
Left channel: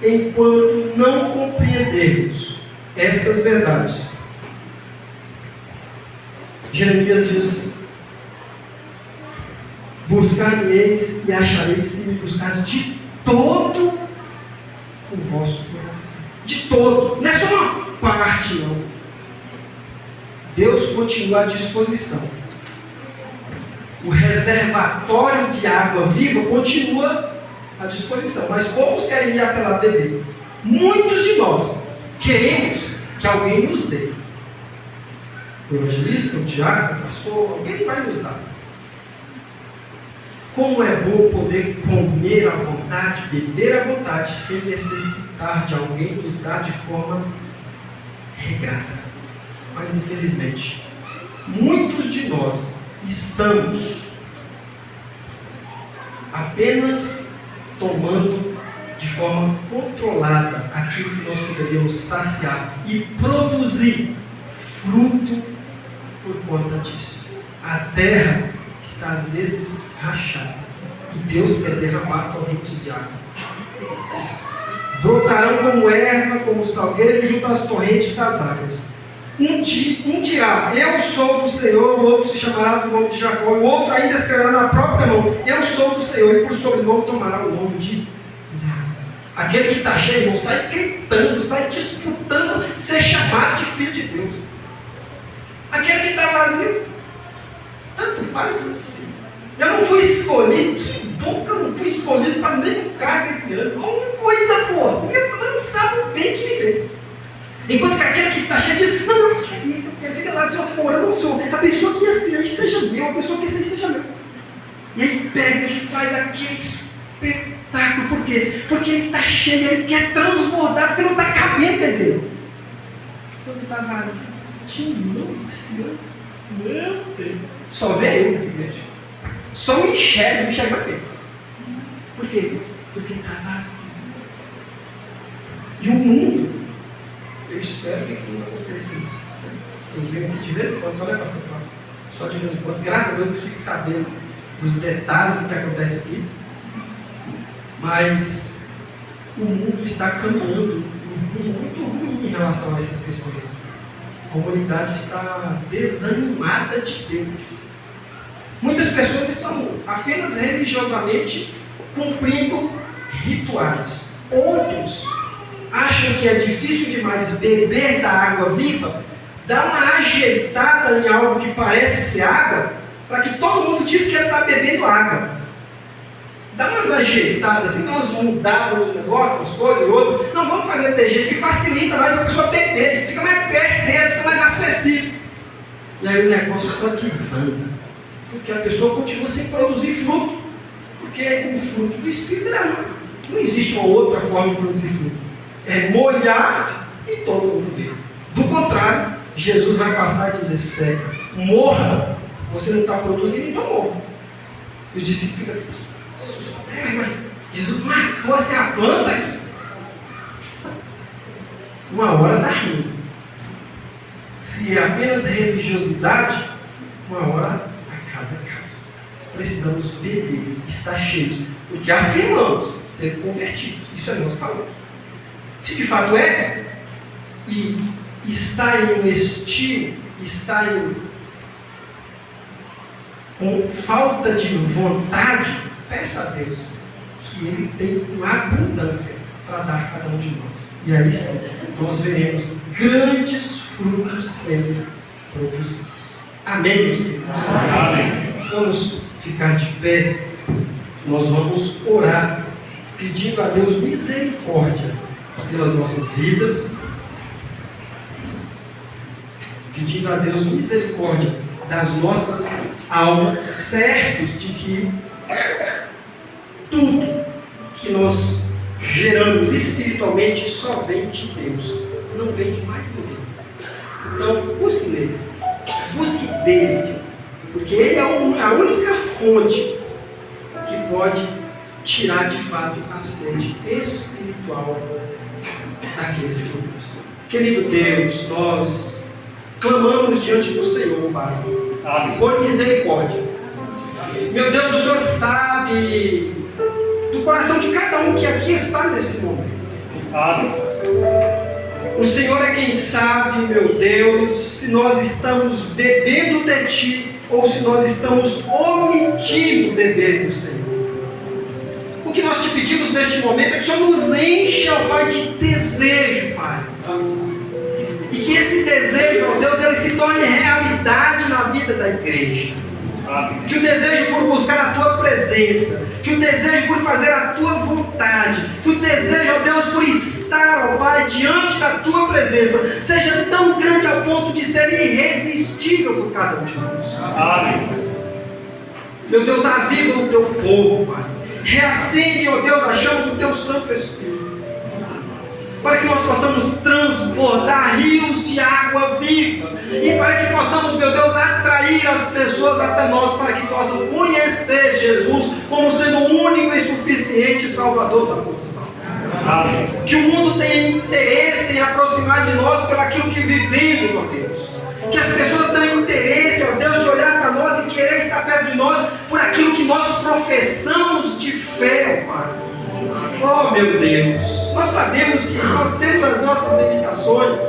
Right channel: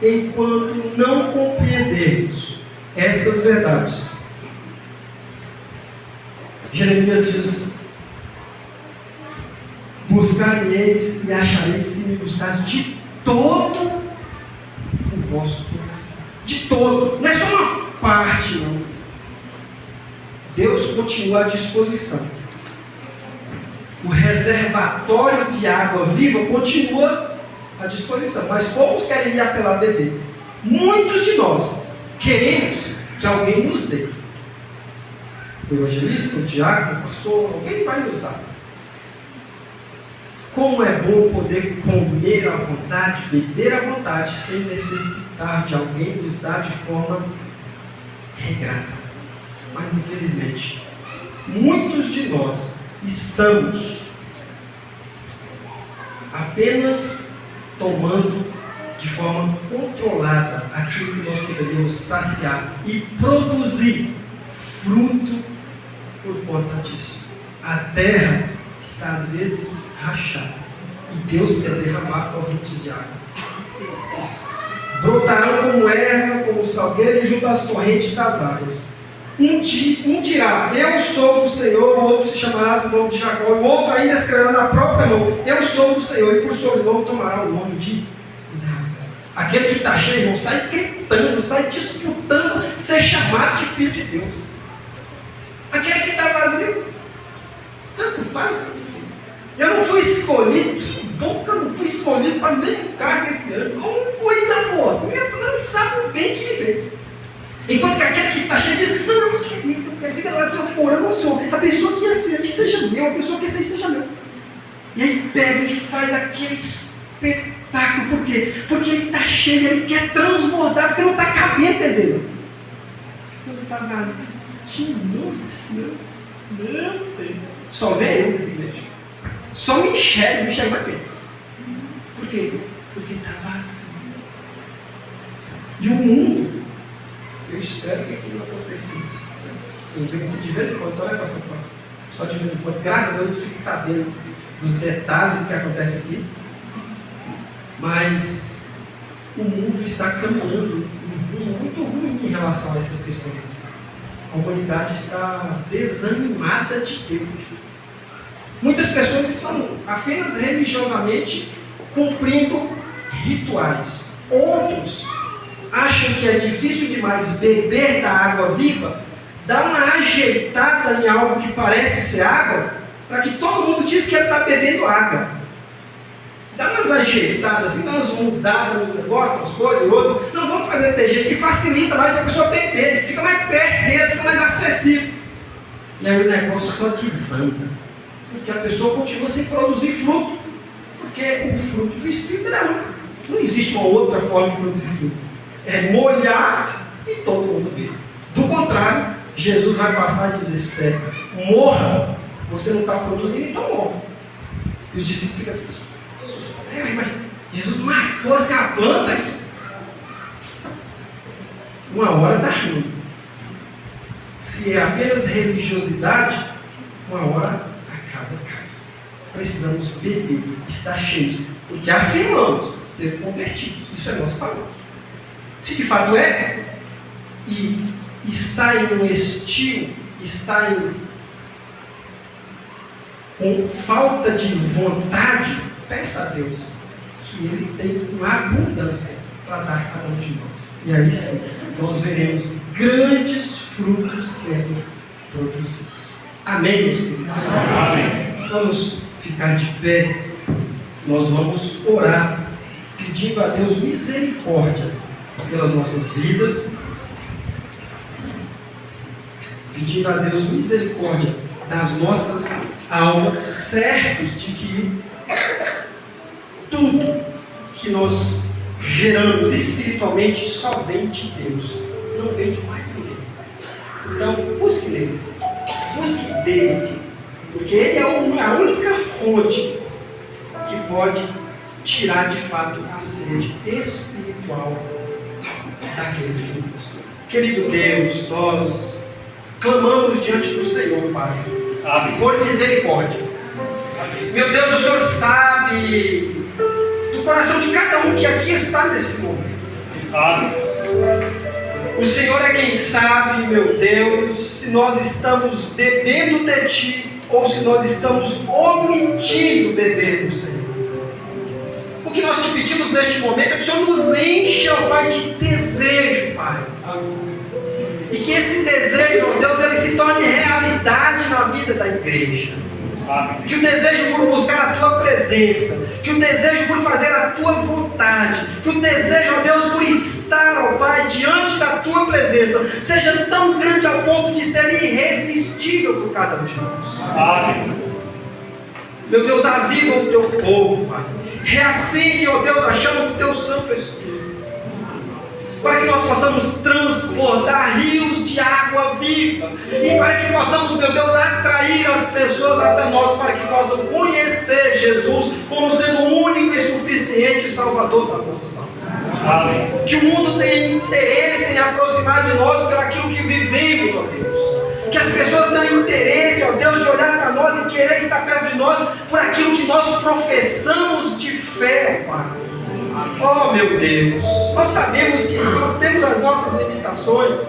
enquanto não compreendermos essas verdades. Jeremias diz: buscar-me-eis e achareis se me buscares de todo o vosso coração. De todo, não é só uma parte, não. Deus continua à disposição. O reservatório de água viva continua à disposição. Mas poucos querem ir até lá beber. Muitos de nós queremos que alguém nos dê. O evangelista, o diácono, o pastor, alguém vai nos dar. Como é bom poder comer à vontade, beber à vontade, sem necessitar de alguém nos dar de forma regrada. Mas infelizmente, muitos de nós estamos apenas tomando de forma controlada aquilo que nós poderíamos saciar e produzir fruto por conta disso. A terra está às vezes rachada e Deus quer derramar torrentes de água. Brotarão como erva, como salgueiro junto às torrentes das águas. Um dirá: eu sou do Senhor, o outro se chamará do nome de Jacó, o outro ainda escreverá na própria mão: eu sou do Senhor, e por sobrenome tomará o nome de Israel. Aquele que está cheio, irmão, sai gritando, sai disputando ser chamado de filho de Deus. Aquele que está vazio, tanto faz, tanto fez. Eu não fui escolhido, que bom que eu não fui escolhido para nenhum cargo esse ano. Coisa boa, minha mãe sabe bem o que ele fez. Enquanto que aquele que está cheio diz: não, eu quero isso, fica lá, Senhor, orando ao Senhor. A pessoa que ia ser aí seja meu, a pessoa que ia ser aí seja meu. E aí pega e faz aquele espetáculo. Por quê? Porque ele está cheio, ele quer transbordar, porque não está cabendo dele. Quando está vazio, que não, Senhor, meu Deus. Só vê eu nessa igreja. Só me enxerga mais dentro. Por quê? Porque está vazio. E o mundo, eu espero que aqui não aconteça isso. Eu venho aqui de vez em quando, só vai passar fora. Só de vez em quando. Graças a Deus eu fico sabendo dos detalhes do que acontece aqui. Mas o mundo está caminhando muito ruim em relação a essas questões. A humanidade está desanimada de Deus. Muitas pessoas estão apenas religiosamente cumprindo rituais. Outros acham que é difícil demais beber da água viva, dar uma ajeitada em algo que parece ser água, para que todo mundo diz que ele está bebendo água. Dá umas ajeitadas, assim, dá umas mudadas nos negócios, umas coisas e outras. Não, vamos fazer desse jeito que facilita mais para a pessoa beber, fica mais perto dele, fica mais acessível. E aí o negócio só desanda, porque a pessoa continua sem produzir fruto, porque o fruto do Espírito não existe uma outra forma de produzir fruto. É molhar e todo mundo vê. Do contrário, Jesus vai passar e dizer: seca, morra, você não está produzindo, então morra. E os discípulos ficam: mas Jesus matou assim a planta. Uma hora dá ruim. Se é apenas religiosidade, uma hora a casa cai. Precisamos beber, estar cheios, porque afirmamos ser convertidos. Isso é nosso valor. Se de fato é, e está em um estilo, está com falta de vontade, peça a Deus que Ele tem uma abundância para dar a cada um de nós. E aí sim, nós veremos grandes frutos sendo produzidos. Amém, meus queridos? Amém. Vamos ficar de pé. Nós vamos orar, pedindo a Deus misericórdia pelas nossas vidas, pedindo a Deus misericórdia das nossas almas, certos de que tudo que nós geramos espiritualmente só vem de Deus, não vem de mais ninguém. Então, busque nele, busque dele, porque ele é a única fonte que pode tirar de fato a sede espiritual daqueles que o buscam. Querido Deus, nós clamamos diante do Senhor, Pai, por misericórdia. Meu Deus, o Senhor sabe do coração de cada um que aqui está nesse momento. O Senhor é quem sabe, meu Deus, se nós estamos bebendo de Ti ou se nós estamos omitindo beber do Senhor. O que nós te pedimos neste momento é que o Senhor nos encha, ó Pai, de desejo, Pai. E que esse desejo, ó Deus, ele se torne realidade na vida da igreja. Que o desejo por buscar a Tua presença, que o desejo por fazer a Tua vontade, que o desejo, ó Deus, por estar, ó Pai, diante da Tua presença, seja tão grande ao ponto de ser irresistível por cada um de nós. Meu Deus, aviva o Teu povo, Pai. Reacende, ó Deus, a chama do Teu Santo Espírito, para que nós possamos transbordar rios de água viva, e para que possamos, meu Deus, atrair as pessoas até nós, para que possam conhecer Jesus como sendo o único e suficiente Salvador das nossas almas. Que o mundo tenha interesse em aproximar de nós por aquilo que vivemos, ó Deus. Que as pessoas tenham interesse, ó Deus, de olhar para nós e querer estar perto de nós por aquilo que nós professamos de fé, ó Pai. Oh, meu Deus, nós sabemos que nós temos as nossas limitações,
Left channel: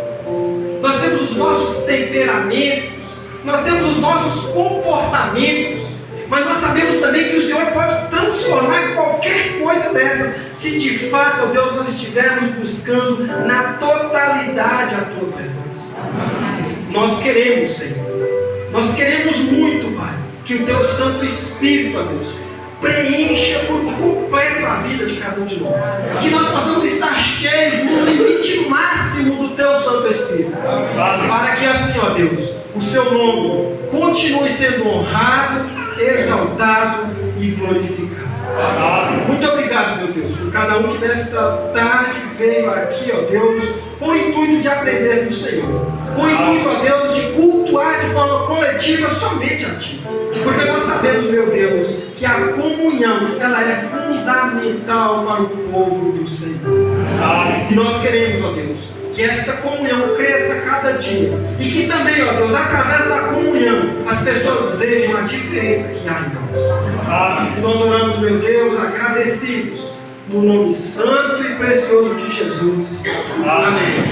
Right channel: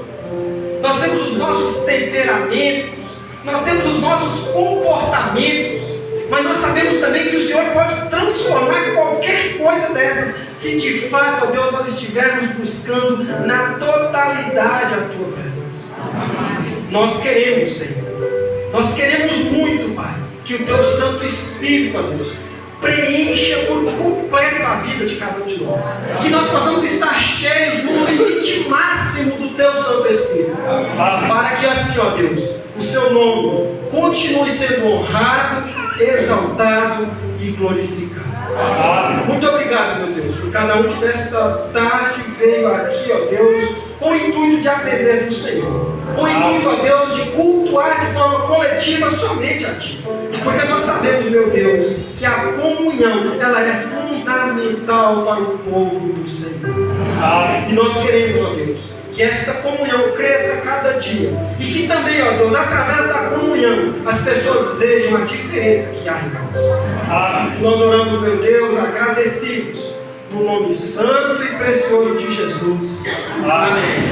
nós temos os nossos temperamentos, nós temos os nossos comportamentos, mas nós sabemos também que o Senhor pode transformar qualquer coisa dessas, se de fato, ó Deus, nós estivermos buscando na totalidade a Tua presença. Nós queremos, Senhor, nós queremos muito, Pai, que o Teu Santo Espírito, ó Deus, preencha por completo a vida de cada um de nós. Que nós possamos estar cheios no limite máximo do Teu Santo Espírito. Para que assim, ó Deus, o Seu nome continue sendo honrado, exaltado e glorificado. Muito obrigado, meu Deus, por cada um que nesta tarde veio aqui, ó Deus, com o intuito de aprender do Senhor. Com o intuito, ó Deus, de cultuar de forma coletiva somente a Ti. Porque nós sabemos, meu Deus, que a comunhão, ela é fundamental para o povo do Senhor. E nós queremos, ó Deus, que esta comunhão cresça cada dia. E que também, ó Deus, através da comunhão, as pessoas vejam a diferença que há em nós. Nós oramos, meu Deus, agradecidos, no nome santo e precioso de Jesus. Amém.